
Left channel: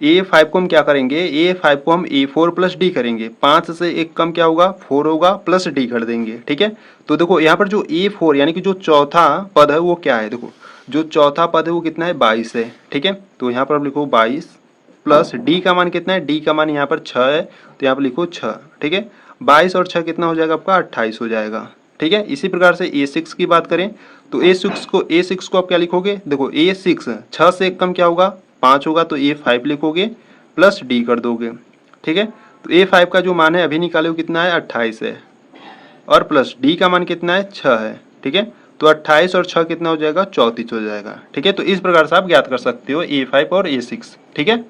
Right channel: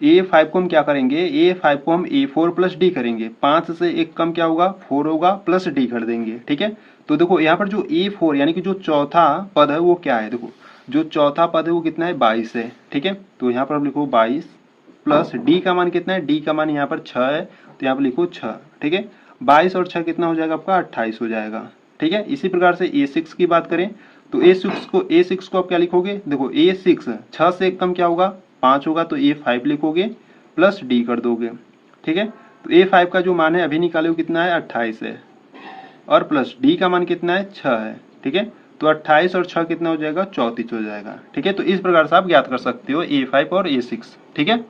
A5 को हम क्या करेंगे, A5 को हम A4 प्लस डी करेंगे, 5 से एक कम क्या होगा, 4 होगा, प्लस डी कर देंगे, ठीक है। तो देखो यहाँ पर जो A4 यानी कि जो चौथा पद है वो क्या है, देखो जो चौथा पद है वो कितना है, 22 है, ठीक है। तो यहाँ पर आप लिखो 22 प्लस डी का मान कितना है, डी का मान यहाँ पर 6 है, तो यहाँ पर लिखो 6, ठीक है। 22 और 6 कितना हो जाएगा आपका, 28 हो जाएगा, ठीक है। इसी प्रकार से A6 की बात करें तो A6 को आप क्या लिखोगे, देखो A6 6 से एक कम क्या होगा, 5 होगा, तो A5 लिखोगे प्लस डी कर दोगे, ठीक है। तो A5 का जो मान है अभी निकाले वो कितना है, 28 है, और प्लस डी का मान कितना है, 6 है, ठीक है। तो 28 और 6 कितना हो जाएगा, 34 हो जाएगा, ठीक है। तो इस प्रकार से आप ज्ञात कर सकते हो A5 और A6, ठीक है।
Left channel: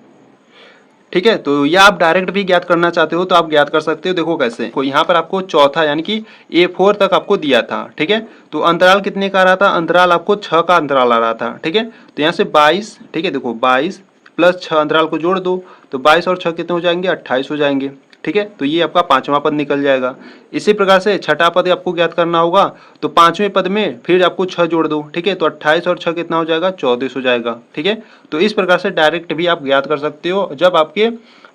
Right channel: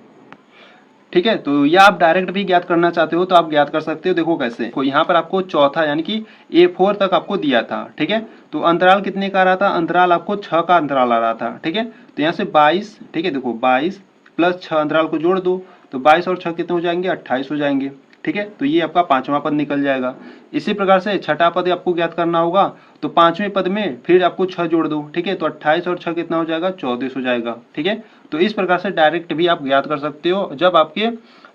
ठीक है, तो या आप डायरेक्ट भी ज्ञात करना चाहते हो तो आप ज्ञात कर सकते हो। देखो कैसे, यहाँ पर आपको चौथा यानी कि A4 तक आपको दिया था, ठीक है। तो अंतराल कितने का आ रहा था, अंतराल आपको 6 का अंतराल आ रहा था, ठीक है। तो यहाँ से 22, ठीक है, देखो 22 प्लस 6 अंतराल को जोड़ दो, तो 22 और 6 कितने हो जाएंगे, 28 हो जाएंगे, ठीक है। तो ये आपका पांचवा पद निकल जाएगा। इसी प्रकार से छठा पद आपको ज्ञात करना होगा, तो पांचवें पद में फिर आपको 6 जोड़ दो, ठीक है। तो 28 और 6 कितना हो जाएगा, 34 हो जाएगा, ठीक है। तो इस प्रकार से डायरेक्ट भी आप ज्ञात कर सकते हो जब आपके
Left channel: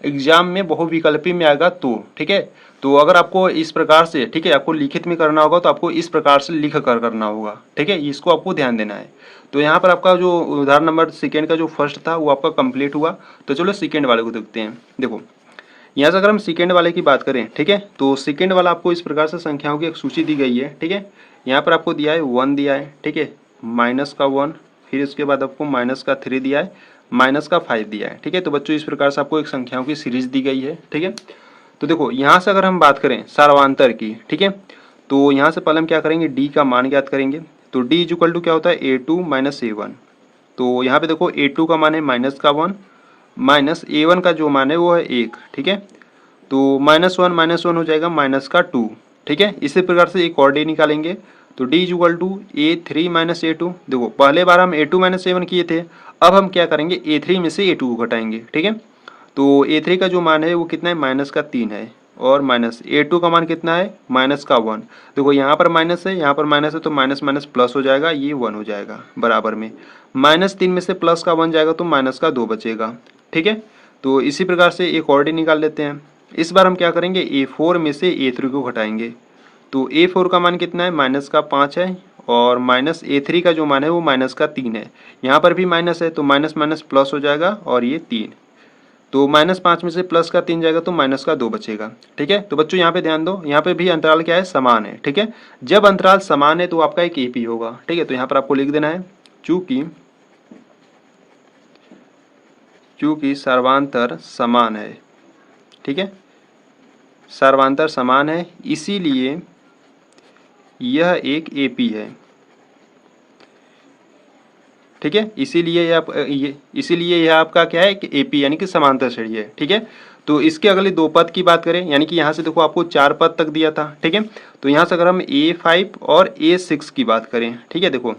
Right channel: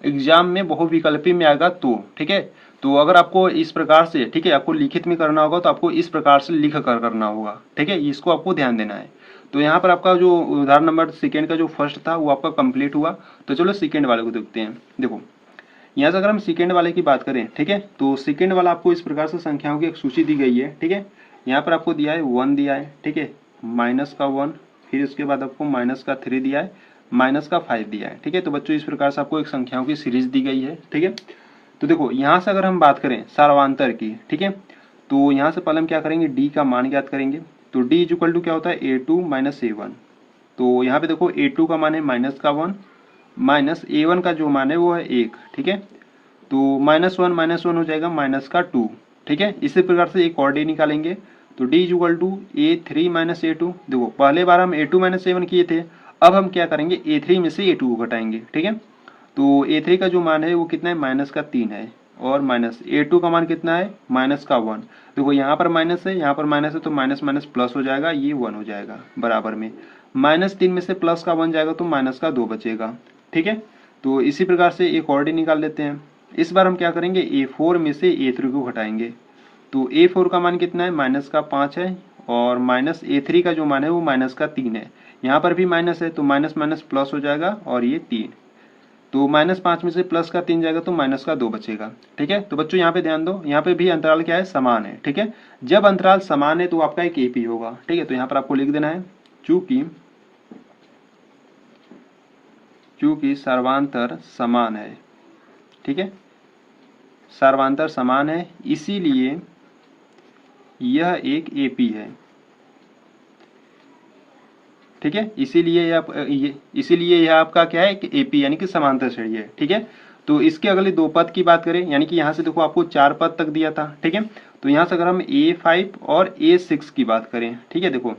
एग्जाम में बहुविकल्पी में आएगा तो, ठीक है। तो अगर आपको इस प्रकार से, ठीक है, आपको लिखित में करना होगा तो आपको इस प्रकार से लिख कर करना होगा, ठीक है। इसको आपको ध्यान देना है। तो यहाँ पर आपका जो उदाहरण नंबर सेकेंड का जो फर्स्ट था वो आपका कंप्लीट हुआ। तो चलो सेकेंड वाले को देखते हैं। देखो यहाँ से अगर हम सेकेंड वाले की बात करें, ठीक है, तो सेकेंड वाला आपको इस प्रकार से संख्याओं की एक सूची दी गई है, ठीक है। यहाँ पर आपको दिया है 1 दिया है, ठीक है, माइनस का 1, फिर इसके बाद आपको माइनस का 3 दिया है, माइनस का 5 दिया है, ठीक है। तो बच्चों इस प्रकार से आपको एक संख्याओं की सीरीज दी गई है, ठीक है। तो देखो यहाँ से अगर हम बात करें सार्वंतर की, ठीक है, तो यहाँ से पहले हम क्या करेंगे, डी का मान ज्ञात करेंगे। तो डी इज इक्वल टू क्या होता है, A2 माइनस A1। तो यहाँ पे देखो A2 का मान है माइनस का 1, माइनस A1 का जो मान है वो है 1, ठीक है। तो -1 हो जाएगा माइनस का 2, ठीक है। इसी प्रकार से एक और डी निकालेंगे। तो D is equal to A3 minus A2। देखो पहले बार हम A2 माइनस A1 किए थे, अब हम क्या करेंगे, A3 में से A2 को घटाएंगे, ठीक है। तो A3 का जो मान है वो कितना है, माइनस का 3 है, और माइनस A2 का मान कितना है, माइनस का 1। देखो यहाँ पर माइनस है, यहाँ पर माइनस है, तो माइनस माइनस प्लस हो जाएगा, ये 1 हो जाएगा बराबर में। -3 में से प्लस का 1 जाएगा तो माइनस का 2 बचेगा, ठीक है। तो इसी प्रकार से एक और डी निकाल लेते हैं। इस बार हम क्या करेंगे, A4 में से A3 को घटाएंगे। तो A4 का मान कितना है, माइनस का 5 है, और माइनस A3 का जो मान है वो माइनस का 3 है। यहाँ पर भी माइनस है, तो माइनस माइनस प्लस हो जाएगा, और ये 3। तो -5 में से प्लस का 3 जाएगा तो माइनस का 2 बचेगा, ठीक है। तो बच्चों यहाँ पे ध्यान दो, यहाँ पे भी अंतराल क्या है, समान है, ठीक है। जब अंतराल समान है तो आपका एक AP होगा, ठीक है। तो यहाँ पर आपको लिख देना है, चूंकि सर्वांतर समान है, ठीक है, सर्वांतर समान है, इसीलिए यह एक AP है, ठीक है। इसीलिए यह आपका क्या है कि AP यानी कि समांतर श्रेणी है, ठीक है। तो इसके अगले 2 पद की बात करें, यानी कि यहाँ से देखो आपको 4 पद तक दिया था, ठीक है। तो यहाँ से अगर हम A5 और A6 की बात करें, ठीक है, देखो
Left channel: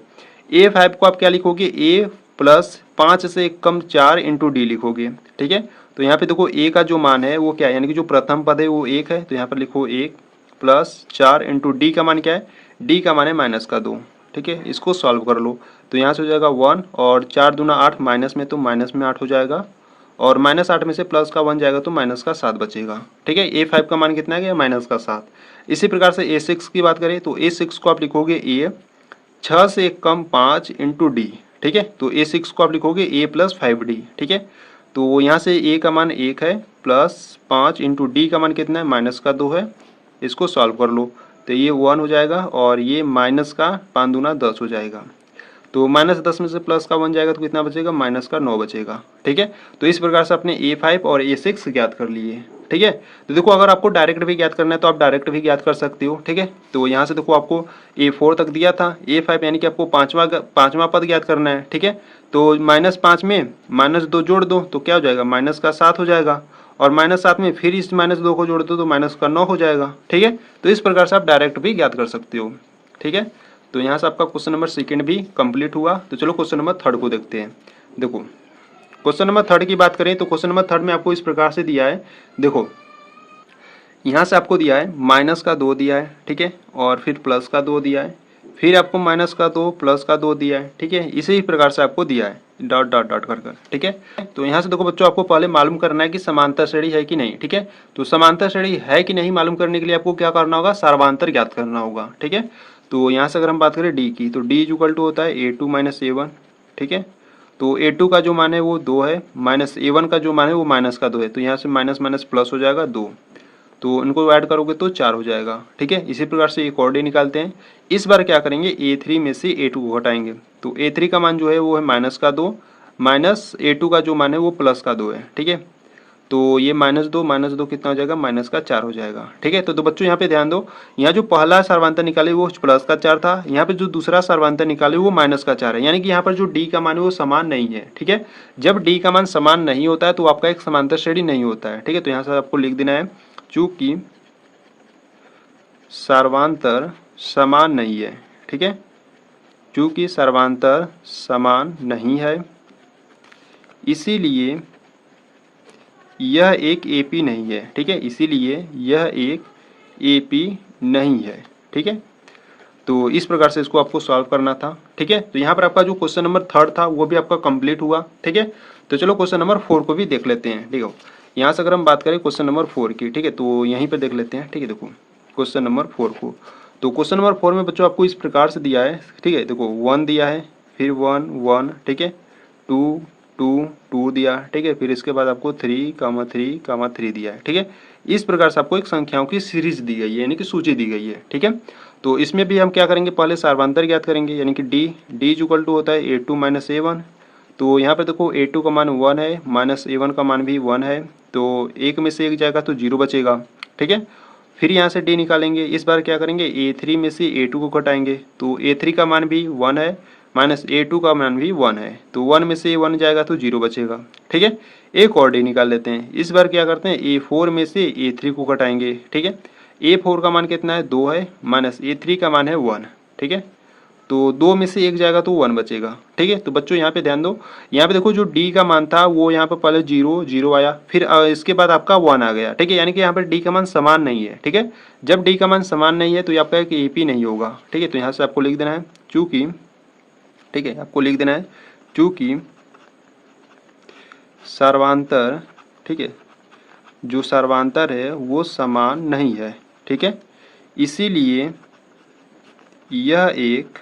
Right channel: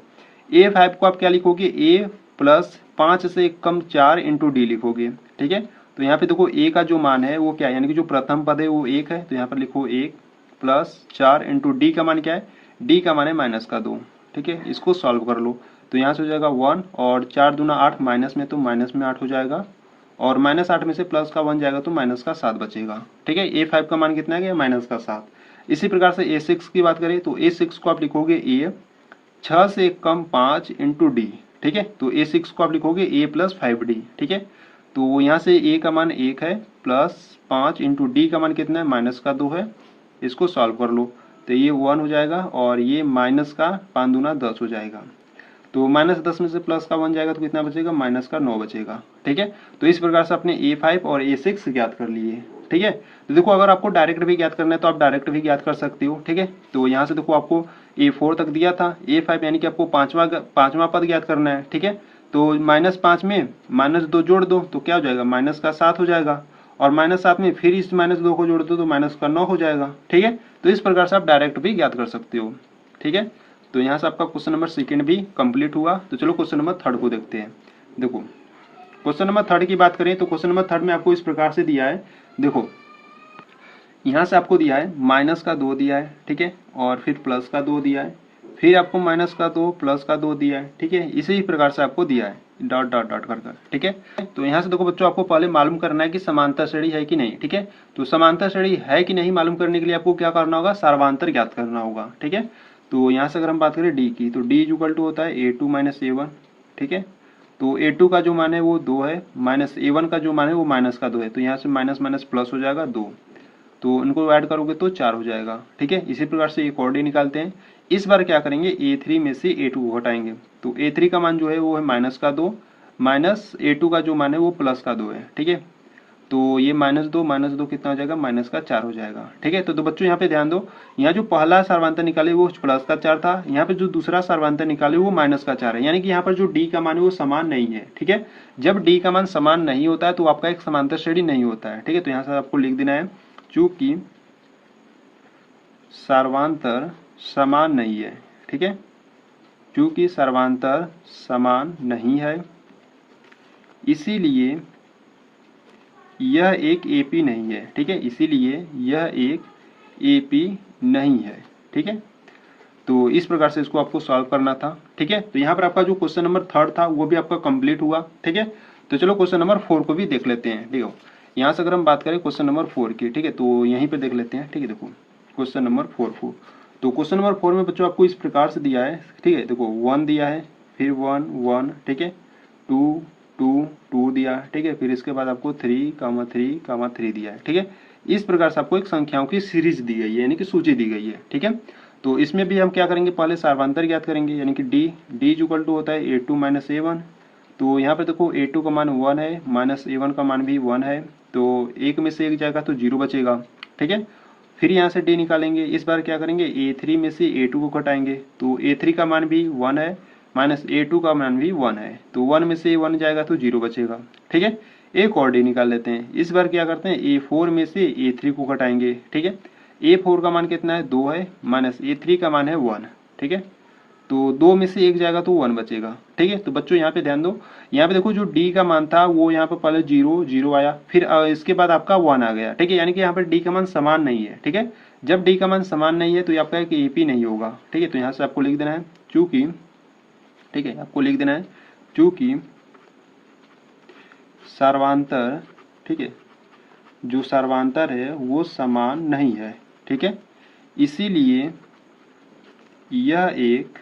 A5 को आप क्या लिखोगे, A प्लस 5 से कम 4 इंटू डी लिखोगे, ठीक है। तो यहाँ पे देखो A का जो मान है वो क्या है, यानी कि जो प्रथम पद है वो 1 है, तो यहाँ पर लिखो 1 प्लस 4 इंटू डी का मान क्या है, डी का मान है माइनस का 2, ठीक है। इसको सॉल्व कर लो, तो यहाँ से हो जाएगा 1, और 4 दूना 8, माइनस में तो माइनस में 8 हो जाएगा, और -8 में से प्लस का 1 जाएगा तो माइनस का 7 बचेगा, ठीक है। A5 का मान कितना है, माइनस का 7। इसी प्रकार से A6 की बात करें तो A6 को आप लिखोगे A 6 से कम 5 इंटू डी, ठीक है। तो A6 को आप लिखोगे A प्लस 5D, ठीक है। तो यहाँ से A का मान 1 है, प्लस 5 इंटू डी का मान कितना है, माइनस का 2 है। इसको सॉल्व कर लो, तो ये 1 हो जाएगा, और ये माइनस का 5 दूना 10 हो जाएगा। तो -10 में से प्लस का 1 जाएगा तो कितना बचेगा, माइनस का 9 बचेगा। ठीक है, तो इस प्रकार से अपने A5 और A6 ज्ञात कर लिए। ठीक है, तो देखो अगर आपको डायरेक्ट भी ज्ञात करना है तो आप डायरेक्ट भी ज्ञात कर सकते हो। ठीक है, तो यहाँ से देखो आपको A4 तक दिया था, A5 यानी कि आपको पाँचवा पद ज्ञात करना है। ठीक है, तो -5 में -2 जोड़ दो तो क्या हो जाएगा, माइनस का 7 हो जाएगा, और -7 में फिर इस -2 को जोड़ दो तो माइनस का 9 हो जाएगा। ठीक है, तो इस प्रकार से आप डायरेक्ट भी ज्ञात कर सकते हो। ठीक है, तो यहाँ से आपका क्वेश्चन नंबर सेकंड भी कंप्लीट हुआ। तो चलो क्वेश्चन नंबर थर्ड को देखते हैं। देखो क्वेश्चन नंबर थर्ड की बात करें तो क्वेश्चन नंबर थर्ड में आपको इस प्रकार से दिया है। देखो यहाँ से आपको दिया है -2 दिया है। ठीक है, और फिर प्लस का 2 दिया है, फिर आपको -2 प्लस का 2 दिया है। ठीक है, इसी प्रकार से आपको दिया है डॉट डॉट डॉट कर। ठीक है, तो यहाँ से देखो बच्चों आपको पहले मालूम करना है कि समांतर श्रेणी है कि नहीं। ठीक है, तो समांतर श्रेणी है कि नहीं मालूम करने के लिए आपको क्या करना होगा, सर्वांतर ज्ञात करना होगा। ठीक है, तो यहाँ से अगर हम बात करें डी की, तो डी इक्वल टू होता है A2 - A1। ठीक है, तो A2 का जो मान है वो 2 है, माइनस A1 का जो मान है वो माइनस का 2 है, तो यहाँ से माइनस माइनस प्लस हो जाएगा 2, तो इनको ऐड करोगे तो 4 हो जाएगा। ठीक है, इसी प्रकार से एक और डी निकालते हैं। इस बार क्या करेंगे, A3 में से A2 को घटाएंगे, तो A3 का मान जो है वो है -2, माइनस A2 का जो मान है वो +2 है। ठीक है, तो ये -2 कितना हो जाएगा, -4 हो जाएगा। ठीक है, तो बच्चों यहाँ पे ध्यान दो, यहाँ जो पहला सर्वांतर निकाले वो +4 था, यहाँ पे जो दूसरा सर्वांतर निकाले वो -4 है, यानी कि यहाँ पर जो डी का मान है वो समान नहीं है। ठीक है, जब डी का मान समान नहीं होता है तो आपका एक समांतर श्रेणी नहीं होता है। ठीक है, तो यहाँ से आपको लिख देना है चूंकि सर्वांतर समान नहीं है। ठीक है, चूंकि सर्वांतर समान नहीं है इसीलिए यह एक एपी नहीं है। ठीक है, इसीलिए यह एक एपी नहीं है। ठीक है, तो इस प्रकार से इसको आपको सॉल्व करना था। ठीक है, तो यहाँ पर आपका जो क्वेश्चन नंबर थर्ड था वो भी आपका कंप्लीट हुआ। ठीक है, तो चलो क्वेश्चन नंबर 4 को भी देख लेते हैं। ठीक है, यहाँ से अगर हम बात करें क्वेश्चन नंबर 4 की, ठीक है, तो यहीं पर देख लेते हैं। ठीक है, देखो क्वेश्चन नंबर 4 को, तो क्वेश्चन नंबर 4 में बच्चों आपको इस प्रकार से दिया है। ठीक है, देखो 1 दिया है, फिर 1 1, ठीक है, 2 2 2 दिया। ठीक है, फिर इसके बाद आपको 3 3 3 दिया है। ठीक है, इस प्रकार से आपको एक संख्याओं की सीरीज दी गई है, यानी कि सूची दी गई है। ठीक है, तो इसमें भी हम क्या करेंगे, पहले सर्वांतर ज्ञात करेंगे, यानी कि डी इक्वल टू होता है A2 - A1। तो यहाँ पे देखो A2 का मान 1 है, -A1 का मान भी 1 है, तो एक में से एक जाएगा तो 0 बचेगा। ठीक है, फिर यहाँ से डी निकालेंगे। इस बार क्या करेंगे, A3 में से A2 को घटाएंगे, तो A3 का मान भी 1 है, -A2 का मान भी 1 है, तो 1 में से 1 जाएगा तो 0 बचेगा। ठीक है, एक और डी निकाल लेते हैं। इस बार क्या करते हैं, A4 में से A3 को घटाएंगे। ठीक है, A4 का मान कितना है, 2 है, -A3 का मान है 1। ठीक है, तो 2 में से 1 जाएगा तो 1 बचेगा। ठीक है, तो बच्चों यहाँ पे ध्यान दो, यहाँ पे देखो जो डी का मान था वो यहाँ पे पहले 0 0 आया, फिर इसके बाद आपका 1 आ गया। ठीक है, यानी कि यहाँ पर डी का मान समान नहीं है। ठीक है, जब डी का मान समान नहीं है तो ये आपका एक एपी नहीं होगा। ठीक है, तो यहाँ से आपको लिख देना है चूंकि, ठीक है, आपको लिख देना है चूंकि सर्वांतर, ठीक है, जो सर्वांतर है वो समान नहीं है। ठीक है, इसीलिए यह एक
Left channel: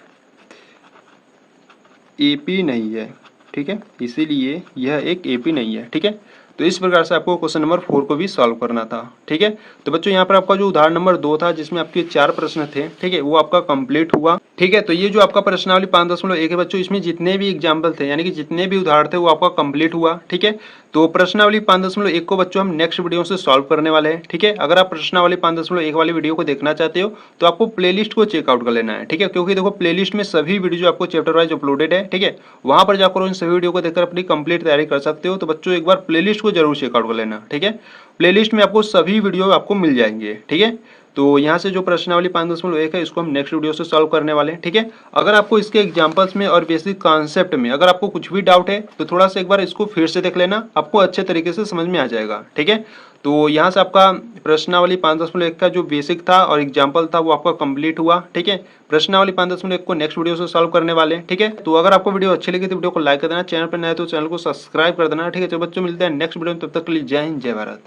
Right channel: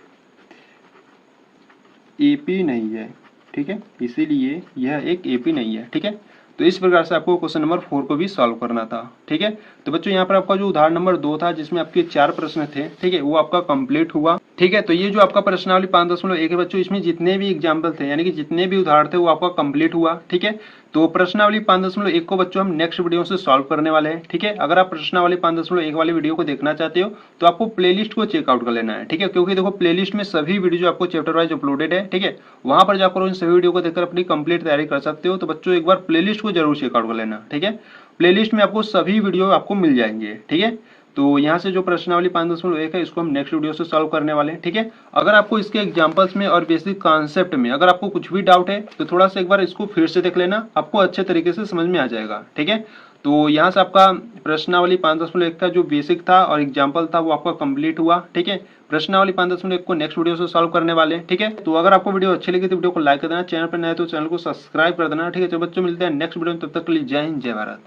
एपी नहीं है। ठीक है, इसीलिए यह एक एपी नहीं है। ठीक है, तो इस प्रकार से आपको क्वेश्चन नंबर 4 को भी सॉल्व करना था। ठीक है, तो बच्चों यहाँ पर आपका जो उदाहरण नंबर 2 था जिसमें आपके 4 प्रश्न थे, ठीक है, वो आपका कंप्लीट हुआ। ठीक है, तो ये जो आपका प्रश्नावली 5.1 है बच्चों, इसमें जितने भी एग्जाम्पल थे यानी कि जितने भी उदाहरण थे वो आपका कंप्लीट हुआ। ठीक है, तो प्रश्नावली 5.1 को बच्चों हम नेक्स्ट वीडियो से सॉल्व करने वाले हैं। ठीक है, अगर आप प्रश्नावली 5.1 वाली वीडियो को देखना चाहते हो तो आपको प्लेलिस्ट को चेकआउट कर लेना है। ठीक है, क्योंकि देखो प्लेलिस्ट में सभी वीडियो जो आपको चैप्टर वाइज अपलोडेड है, ठीक है, वहां पर जाकर उन सभी वीडियो को देखकर अपनी कंप्लीट तैयारी कर सकते हो। तो बच्चों एक बार प्लेलिस्ट को जरूर चेकआउट कर लेना। ठीक है, प्लेलिस्ट में आपको सभी वीडियो आपको मिल जाएंगे। ठीक है, तो यहाँ से जो प्रश्नावली 5.1 है इसको हम नेक्स्ट वीडियो से सॉल्व करने वाले हैं। ठीक है, अगर आपको इसके एग्जांपल्स में और बेसिक कॉन्सेप्ट में अगर आपको कुछ भी डाउट है तो थोड़ा सा एक बार इसको फिर से देख लेना, आपको अच्छे तरीके से समझ में आ जाएगा। ठीक है, तो यहाँ से आपका प्रश्नावली 5.1 का जो बेसिक था और एग्जाम्पल था वो आपका कंप्लीट हुआ। ठीक है, प्रश्नावली 5.1 को नेक्स्ट वीडियो से सॉल्व करने वाले हैं। ठीक है, तो अगर आपको वीडियो अच्छी लगी तो वीडियो को लाइक कर देना, चैनल पर नए तो चैनल को सब्सक्राइब कर देना। ठीक है, तो बच्चों मिलते हैं नेक्स्ट वीडियो में, तब तक के लिए जय हिंद जय भारत।